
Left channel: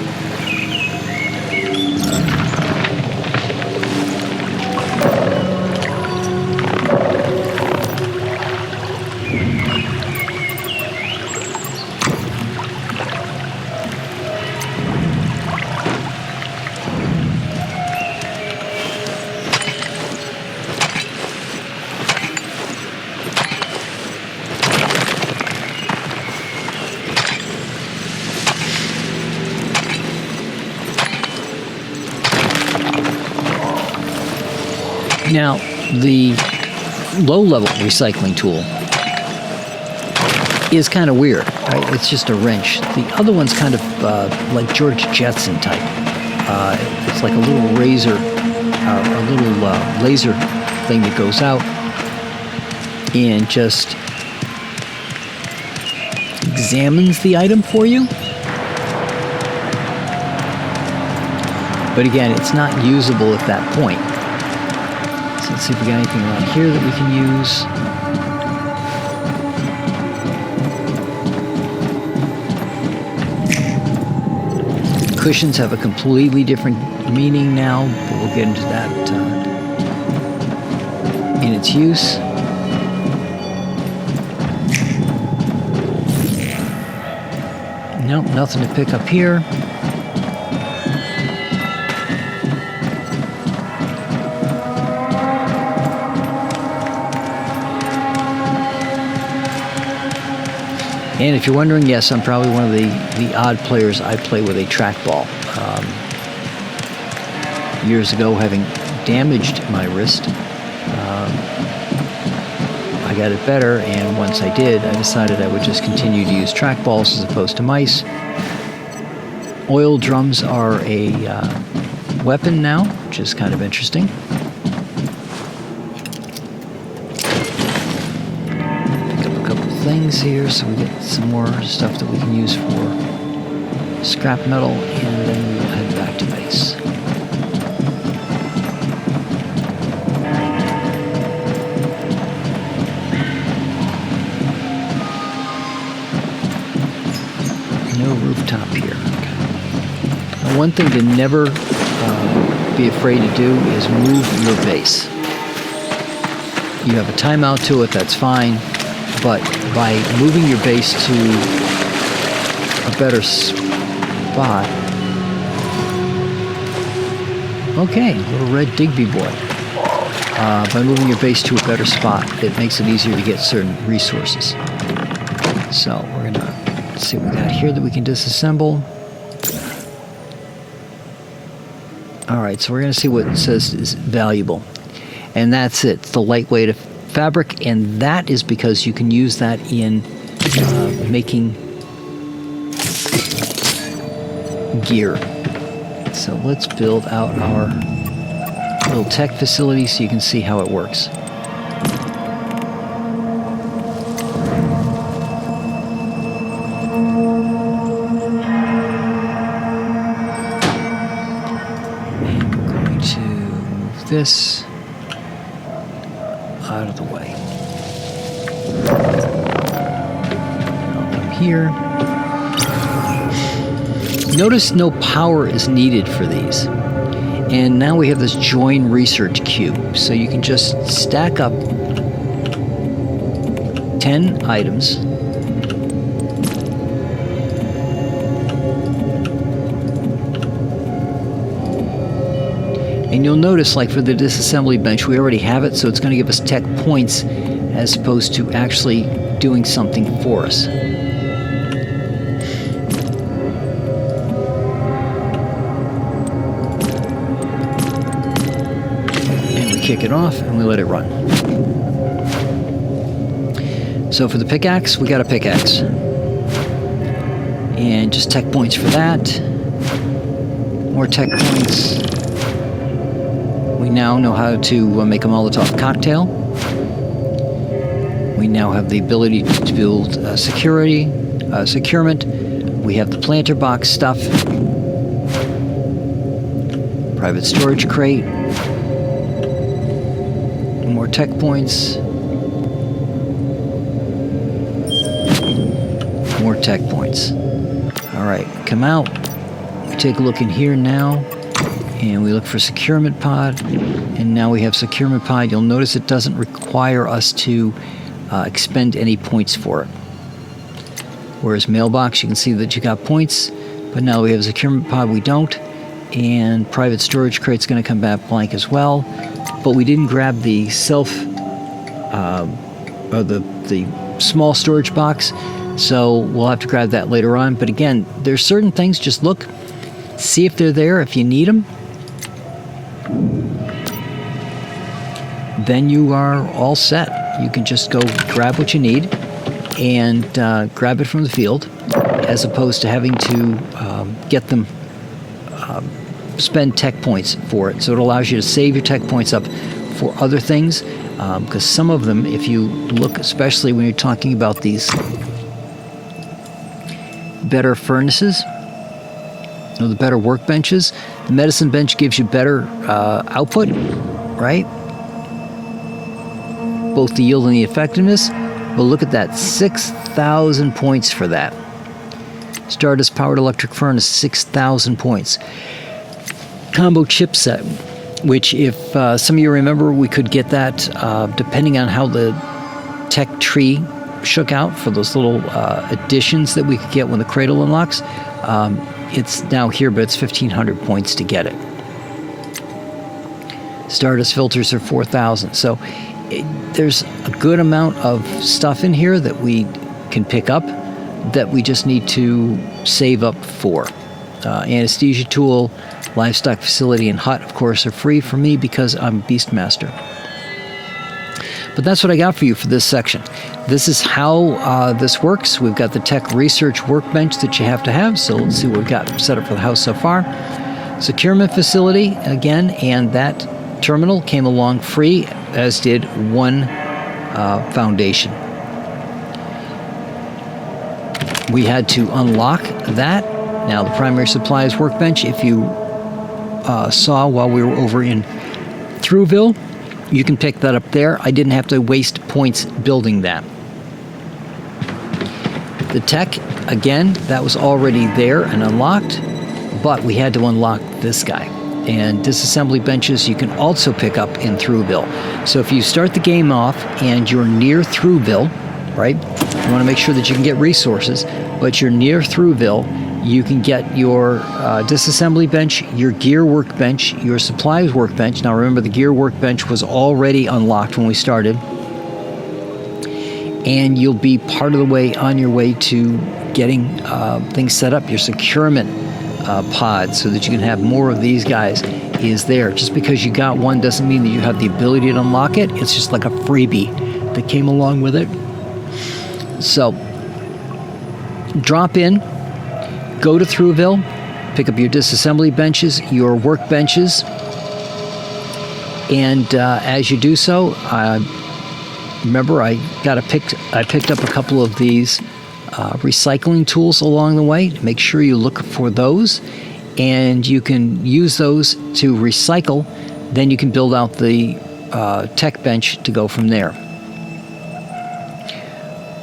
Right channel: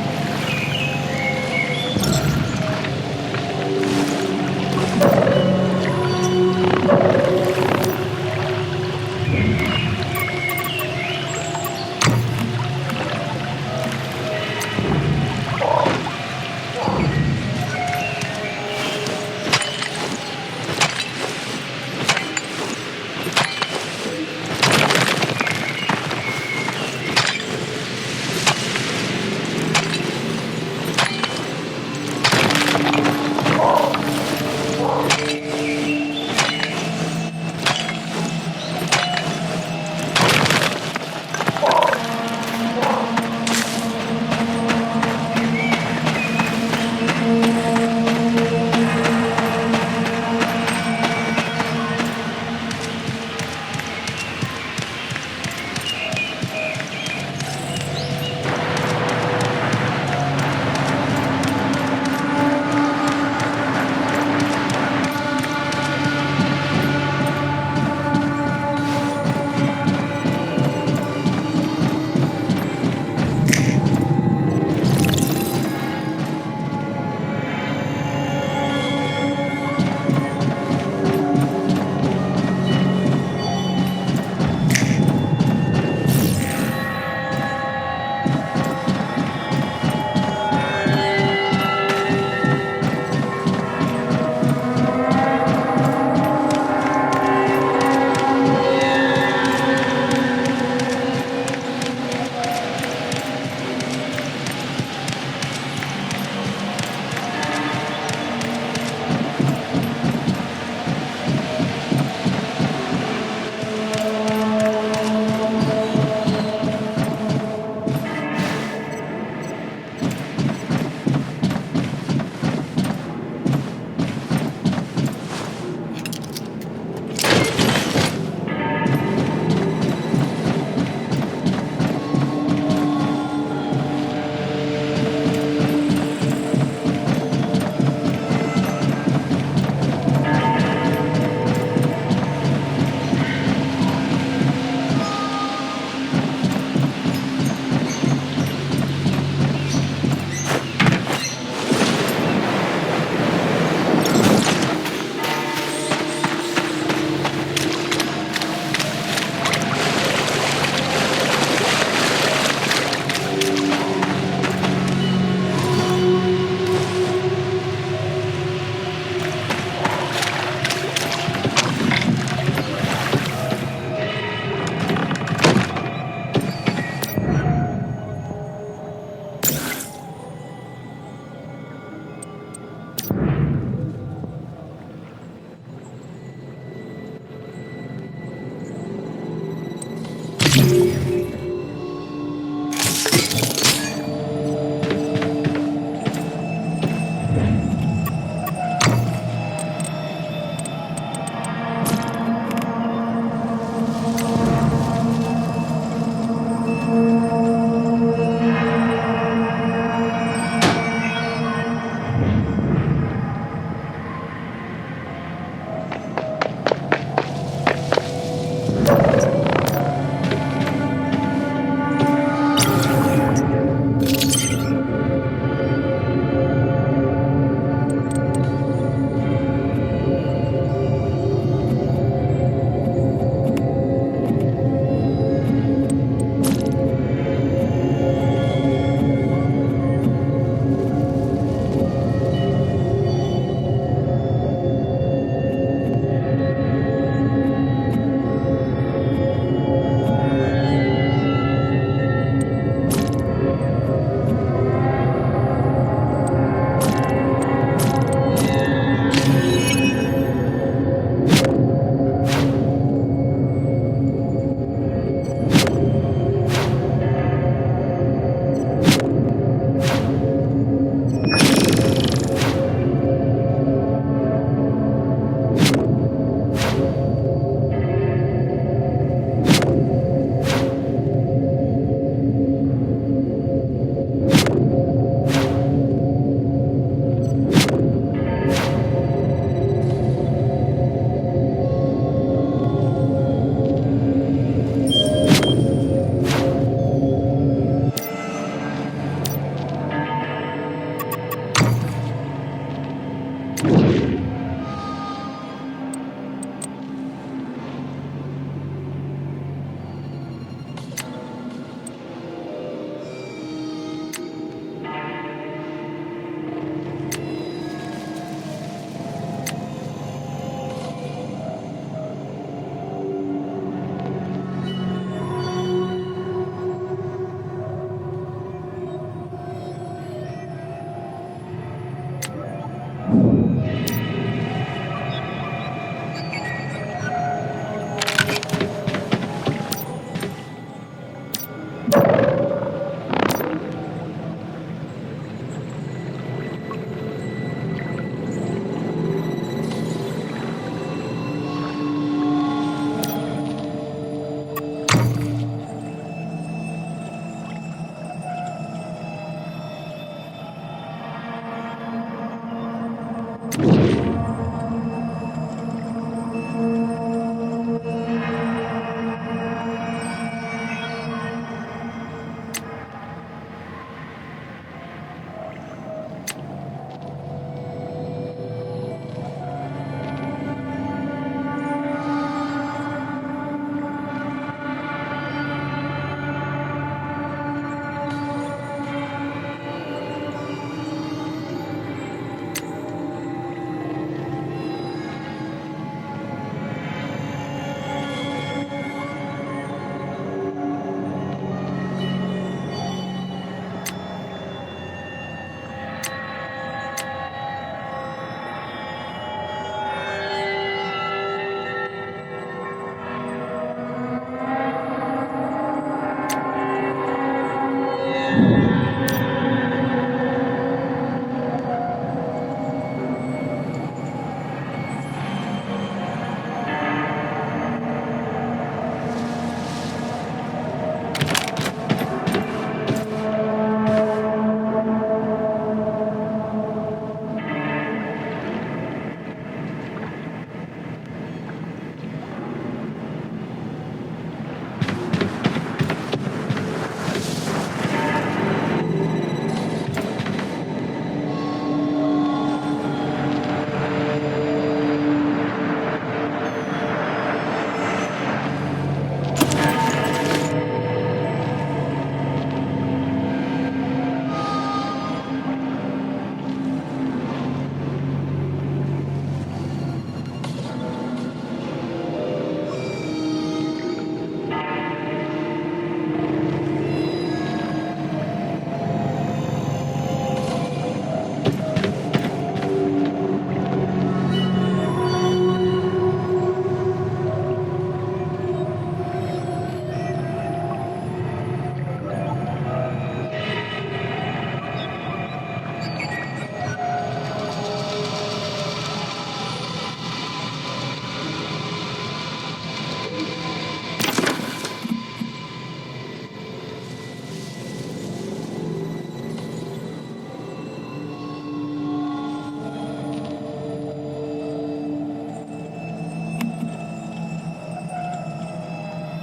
Now, the low-level recycling tool is kind of weird. It's just a wrench. The other one's kind of like George Jetson type. It's like a little razor, laser thing that goes out and just examines the item for you. But again, it's not usable at that point. So let's see if we got anything right here that we can use. Cushions have a completely different meaning now. We'll get into that in its use. Nope, nothing to pick up here. And if you're wondering, yes, I'm probably one of the odd players. I play with a trackball. Years ago, having damaged my wrist, I got it better, and once I did, I decided I would just continue to use trackballs as opposed to mice. Oil drums are a weapon now, which is kind of interesting. Here, some more stuff that we can use for scrap metal, and then we add back to base. No rooftop here. One thing to never be afraid to do is move your base. You have a timeout to it, that's fine. But by moving your base to a better spot... Okay, little red Digby boy. By moving your base to a better spot, it makes it easier to get certain resources. So, we're going to see what we got here that we can disassemble. Alright, so we're going to see what it says is valuable. And that's it. It's the lightweight fabric, and that is because you can use that in making gear. So let's build out our little tech facility so you can see how it works. Going to this. Notice no power is needed for these. And now we have this join research cube. So you can just stack up 10 items. And you'll notice, like for the disassembly bench, we already have it, so it's going to give us tech points as opposed to actually doing something for us. Kick it off and we let it run. So for the pickaxe, we got a pickaxe. And just tech points for that. More tech points. We now know how to make a Molotov cocktail. We now have the ability to build securement. We have the planter box stuff. Private storage crate. More tech points. More tech points. Alright, come out. Take a look in here now. And we look for securement pod. And now we have securement pod. You'll notice it doesn't require us to expend any points for it. Whereas mailbox, you can see that you got points. But now we have securement pod, we don't. And private storage crate's going to come back blank as well. But we didn't grab the or the small storage box, so we'll have to grab that later on. But again, there's certain things, just look, see if they're there, if you need them. then you are all set. You can just go grab what you need and grab it from the field, as opposed to having to get them, spend tech points for it. So it allows you to save your tech points up for other things, because some of them, if you look, especially when you're talking about these better furnaces, the better workbenches, the medicine bench gives you better output, right? Both the yield and the effectiveness. Well, look at that, 6,000 points for that. Stardust powered electric furnace, 6,000 points. Combo chipset, which if some of you remember, we could get that depending on how the tech tree shook out for those little additions that we could get when the cradle unlocks. It's now here, but it's 1,500 points to get it. Stardust filters are 4,000. So there's a good amount of stuff in here that we can pick up that we just need to save up for. Anesthesia tool, livestock facility, and hut, of course, are free for me because I'm Beastmaster. But that's what I got for you for this section. This is how this works. We've got the tech research workbench that you have to have. So let's see what we've got set up for the house so far. Securement facility, again, and that terminal came along free, as did one foundation. We had to unlock that. Now, the primary supplies workbench, if you saw while we were over in Thruwville, you can pick that up there. I didn't have to waste points building that. The tech, again, that was already there and unlocked, but we had to unlock this guy. And disassembly benches you can also pick up in Thruwville. So if you start the game off and you're near Thruwville, right, you want to make sure that you can get resources, but you're near Thruwville, you can get your disassembly bench, your gear workbench, your supplies workbench. Now remember, the gear workbench was already unlocked when we started. And you'll be part of the way on your way to getting things set up. Your securement pod, so that you can have more of these guys, is there. Just because you got one doesn't mean that you have the ability to unlock it. It's just like a freebie that came along with it. So drop in, go to Thruwville, pick up your disassembly benches, your workbenches, and as you do so, remember I picked up a couple of these recycling tools along the way. Make sure you look for those, and you can use those to recycle. Then you can build out the tech bench to go from there.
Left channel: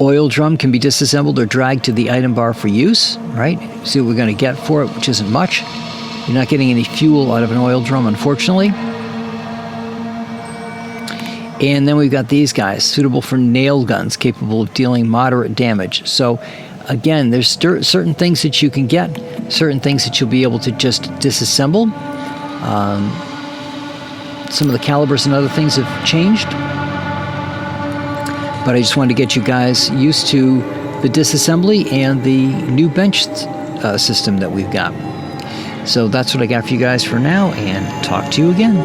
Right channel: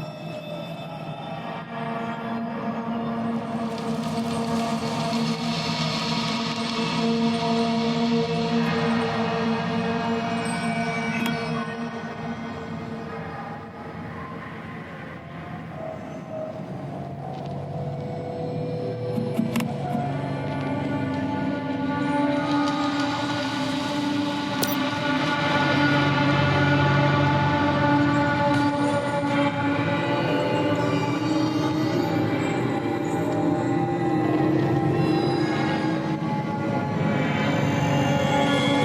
Oil drum can be disassembled or dragged to the item bar for use, right? See what we're going to get for it, which isn't much. You're not getting any fuel out of an oil drum, unfortunately. And then we've got these guys, suitable for nail guns, capable of dealing moderate damage. So again, there's certain things that you can get, certain things that you'll be able to just disassemble. Some of the calibers and other things have changed. But I just wanted to get you guys used to the disassembly and the new bench system that we've got. So that's what I got for you guys for now, and talk to you again.